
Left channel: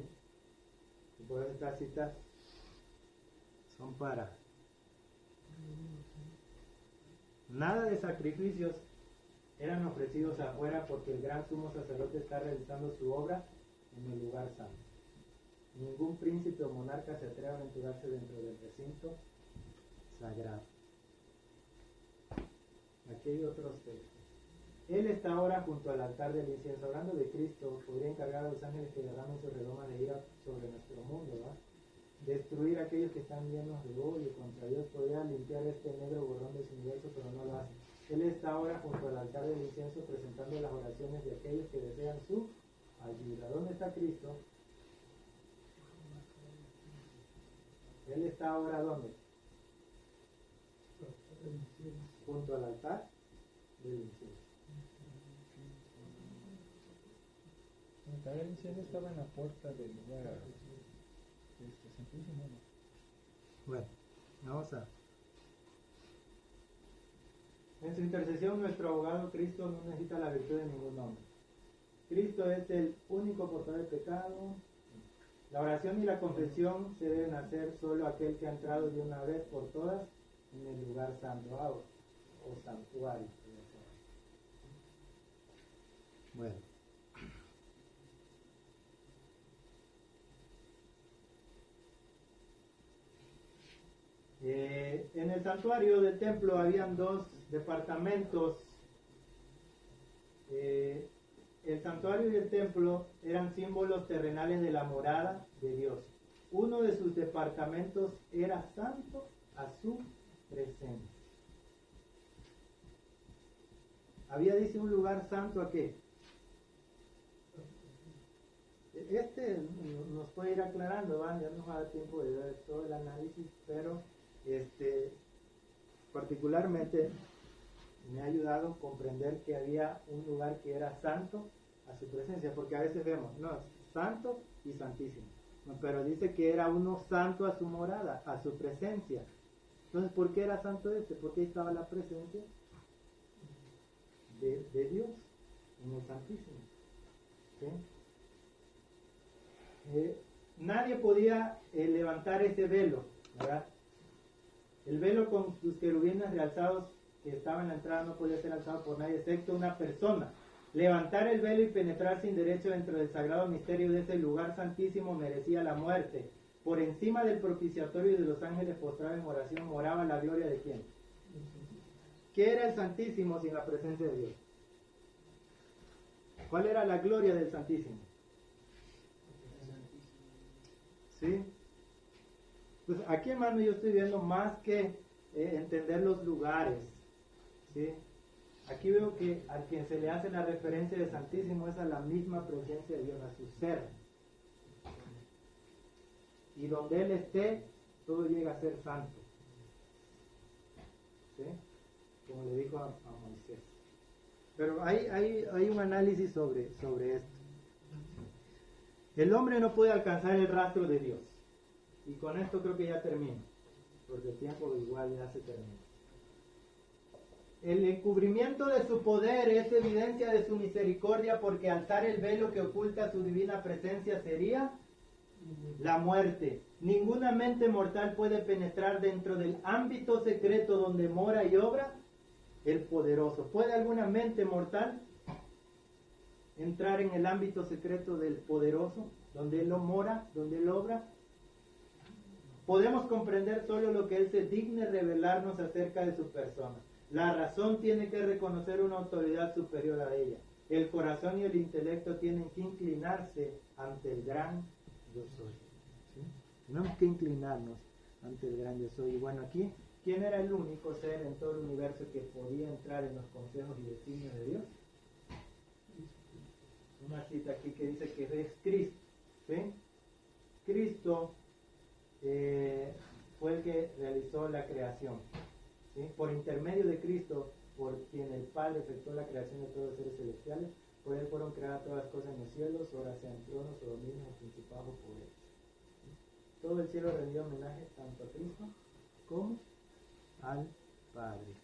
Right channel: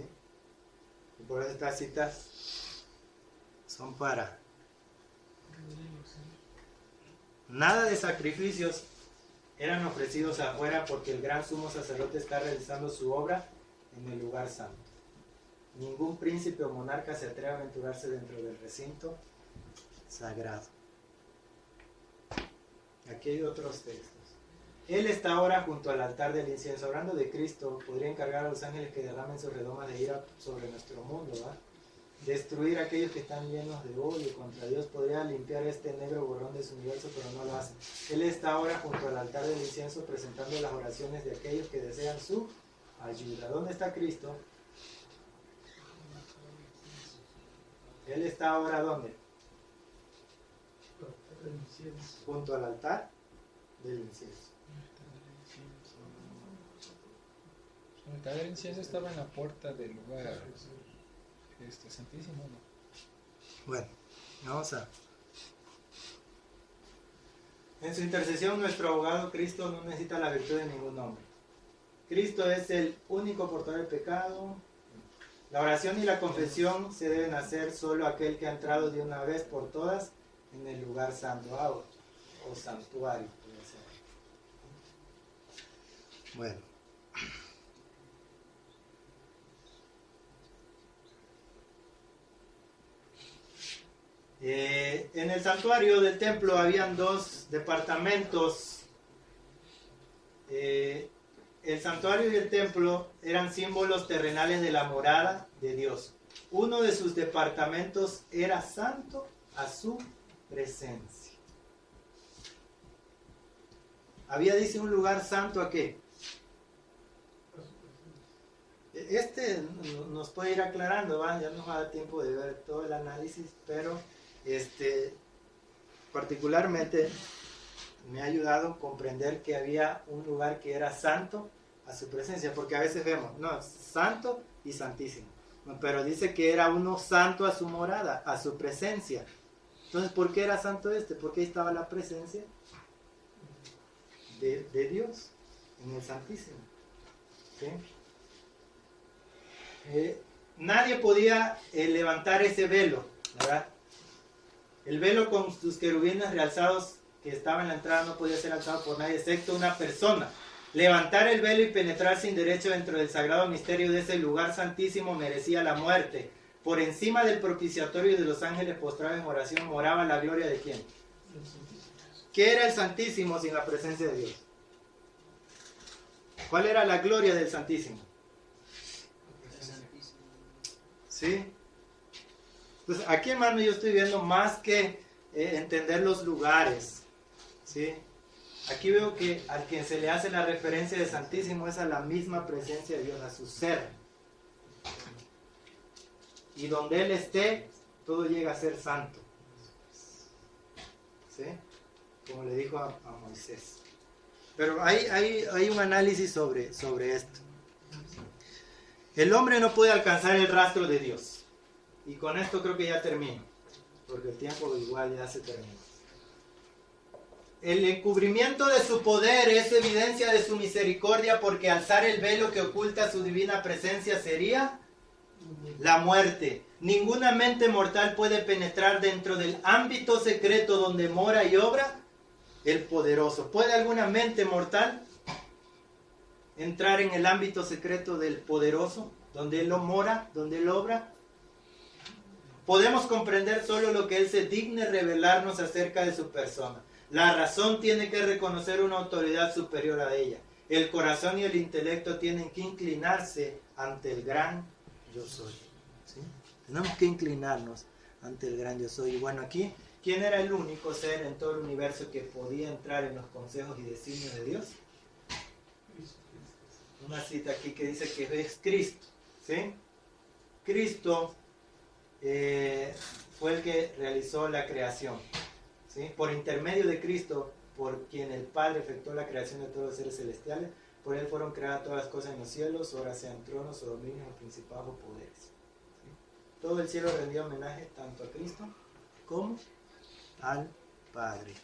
Y por eso estas citas son para nada de sacrificios eran ofrecidos afuera, porque el gran sumo sacerdote está realizando su obra en el lugar santo. Ningún príncipe o monarca se atreve a aventurarse dentro del recinto sagrado. Aquí hay otros textos. Él está ahora junto al altar del incienso. Hablando de Cristo, podría encargar a los ángeles que derramen sus redomas de ira sobre nuestro mundo, ¿va? Destruir a aquellos que están llenos de odio contra Dios. Podría limpiar este negro borrón de su universo, pero no lo hace. Él está ahora junto al altar del incienso presentando las oraciones de aquellos que desean su ayuda. ¿Dónde está Cristo? Él está ahora ¿dónde? Junto al altar del incienso. El altar del incienso estaba en la puerta del lugar santísimo, ¿no? Bueno, vamos a... En su intercesión, nuestro abogado Cristo no necesita la virtud de ningún hombre. Cristo es el único portador del pecado. La oración y la confesión se deben hacer solo aquel que ha entrado de una vez por todas en el lugar santo, o santuario, puede ser. Bueno. En el santuario del templo habían dos departamentos. El santuario y el templo eran símbolos terrenales de la morada de Dios. Uno de sus departamentos era santo a su presencia. Había, dice, un lugar santo ¿a qué? Nos puede ir aclarando, ¿va? Ya nos va a dar tiempo de ver todo el análisis, pero particularmente me ha ayudado a comprender que había un lugar que era santo a su presencia, porque a veces vemos, no, santo y santísimo, pero dice que era uno santo a su morada, a su presencia. Entonces, ¿por qué era santo este? Porque ahí estaba la presencia de Dios en el Santísimo, ¿sí? Nadie podía levantar ese velo, ¿verdad? El velo con sus querubines realzados que estaba en la entrada no podía ser alzado por nadie excepto una persona. Levantar el velo y penetrar sin derecho dentro del sagrado misterio de ese lugar santísimo merecía la muerte. Por encima del propiciatorio y de los ángeles postrados en oración moraba la gloria de ¿quién? ¿Qué era el Santísimo sin la presencia de Dios? ¿Cuál era la gloria del Santísimo? ¿Sí? Entonces, aquí, hermano, yo estoy viendo más que entender los lugares. ¿Sí? Aquí veo que a quien se le hace la referencia de Santísimo es a la misma presencia de Dios, a su ser. Y donde Él esté, todo llega a ser santo. ¿Sí? Como le dijo a Moisés. Pero hay un análisis sobre esto. El hombre no puede alcanzar el rastro de Dios. Y con esto creo que ya termino. Porque el tiempo igual ya se terminó. El encubrimiento de su poder es evidencia de su misericordia, porque alzar el velo que oculta su divina presencia sería la muerte. Ninguna mente mortal puede penetrar dentro del ámbito secreto donde mora y obra el poderoso. ¿Puede alguna mente mortal entrar en el ámbito secreto del poderoso, donde Él mora, donde Él obra? Podemos comprender solo lo que Él se digne revelarnos acerca de su persona. La razón tiene que reconocer una autoridad superior a ella. El corazón y el intelecto tienen que inclinarse ante el gran yo soy. ¿Sí? Tenemos que inclinarnos ante el gran yo soy. Y bueno, aquí, ¿quién era el único ser en todo el universo que podía entrar en los consejos y designios de Dios? Una cita aquí que dice que es Cristo. ¿Sí? Cristo fue el que realizó la creación. ¿Sí? Por intermedio de Cristo, por quien el Padre efectuó la creación de todos los seres celestiales, por Él fueron creadas todas las cosas en los cielos, ahora sean tronos o dominios o principados o poderes. ¿Sí? Todo el cielo rendía homenaje tanto a Cristo como al Padre.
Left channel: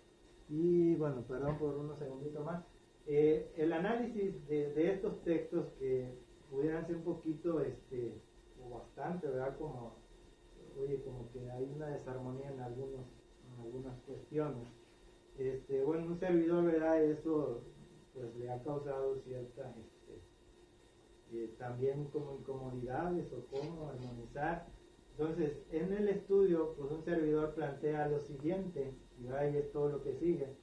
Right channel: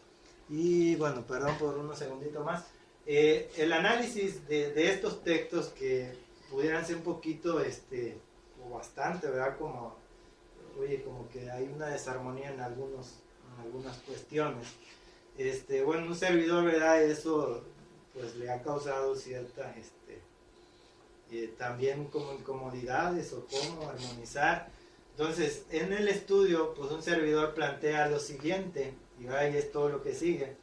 Y bueno, perdón por unos segunditos más. El análisis de estos textos que pudieran ser un poquito, o bastante, ¿verdad? Como que hay una desarmonía en algunas cuestiones. Bueno, un servidor, ¿verdad? Eso pues le ha causado cierta también como incomodidades o cómo armonizar. Entonces, en el estudio, pues un servidor plantea lo siguiente, y ahí es todo lo que sigue.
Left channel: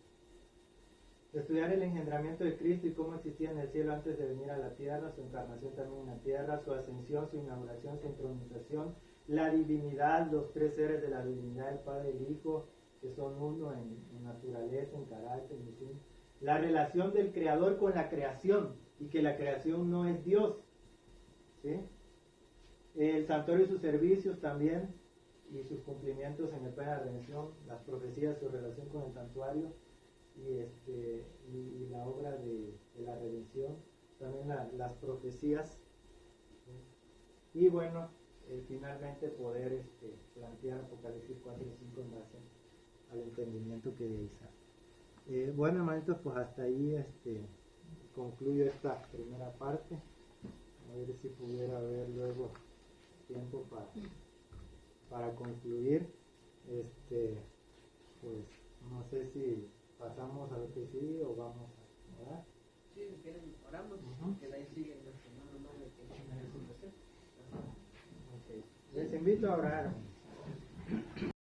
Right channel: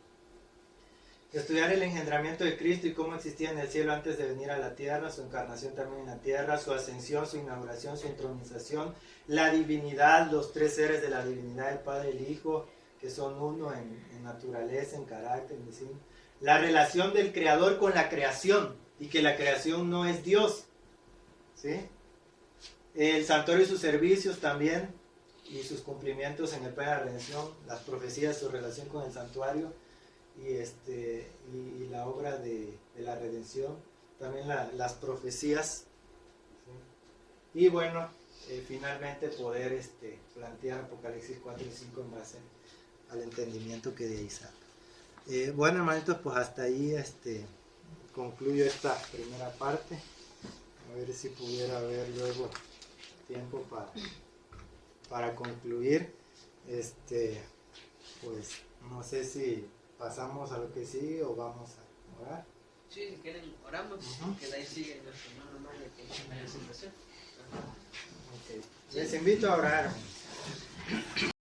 Estudiar el engendramiento de Cristo y cómo existía en el cielo antes de venir a la tierra, su encarnación también en la tierra, su ascensión, su inauguración, su entronización, la divinidad, los tres seres de la divinidad, el Padre y el Hijo, que son uno en naturaleza, en carácter, en diseño. La relación del Creador con la creación, y que la creación no es Dios. ¿Sí? El santuario y sus servicios también, y sus cumplimientos en el plan de la redención, las profecías, su relación con el santuario, y la obra de la redención, también las profecías. ¿Sí? Y bueno, finalmente poder plantear Apocalipsis 4 y 5 en base al entendimiento que de ahí sale. Bueno, hermanitos, pues hasta ahí concluyo esta primera parte. A ver si pudiera haber luego tiempo para concluir. Pues no sé si pasamos a lo que sigue o vamos a orar. Sí, si quieren oramos, que de ahí sigue nuestro hermano Mario que hizo la presentación. Okay. Les invito a orar.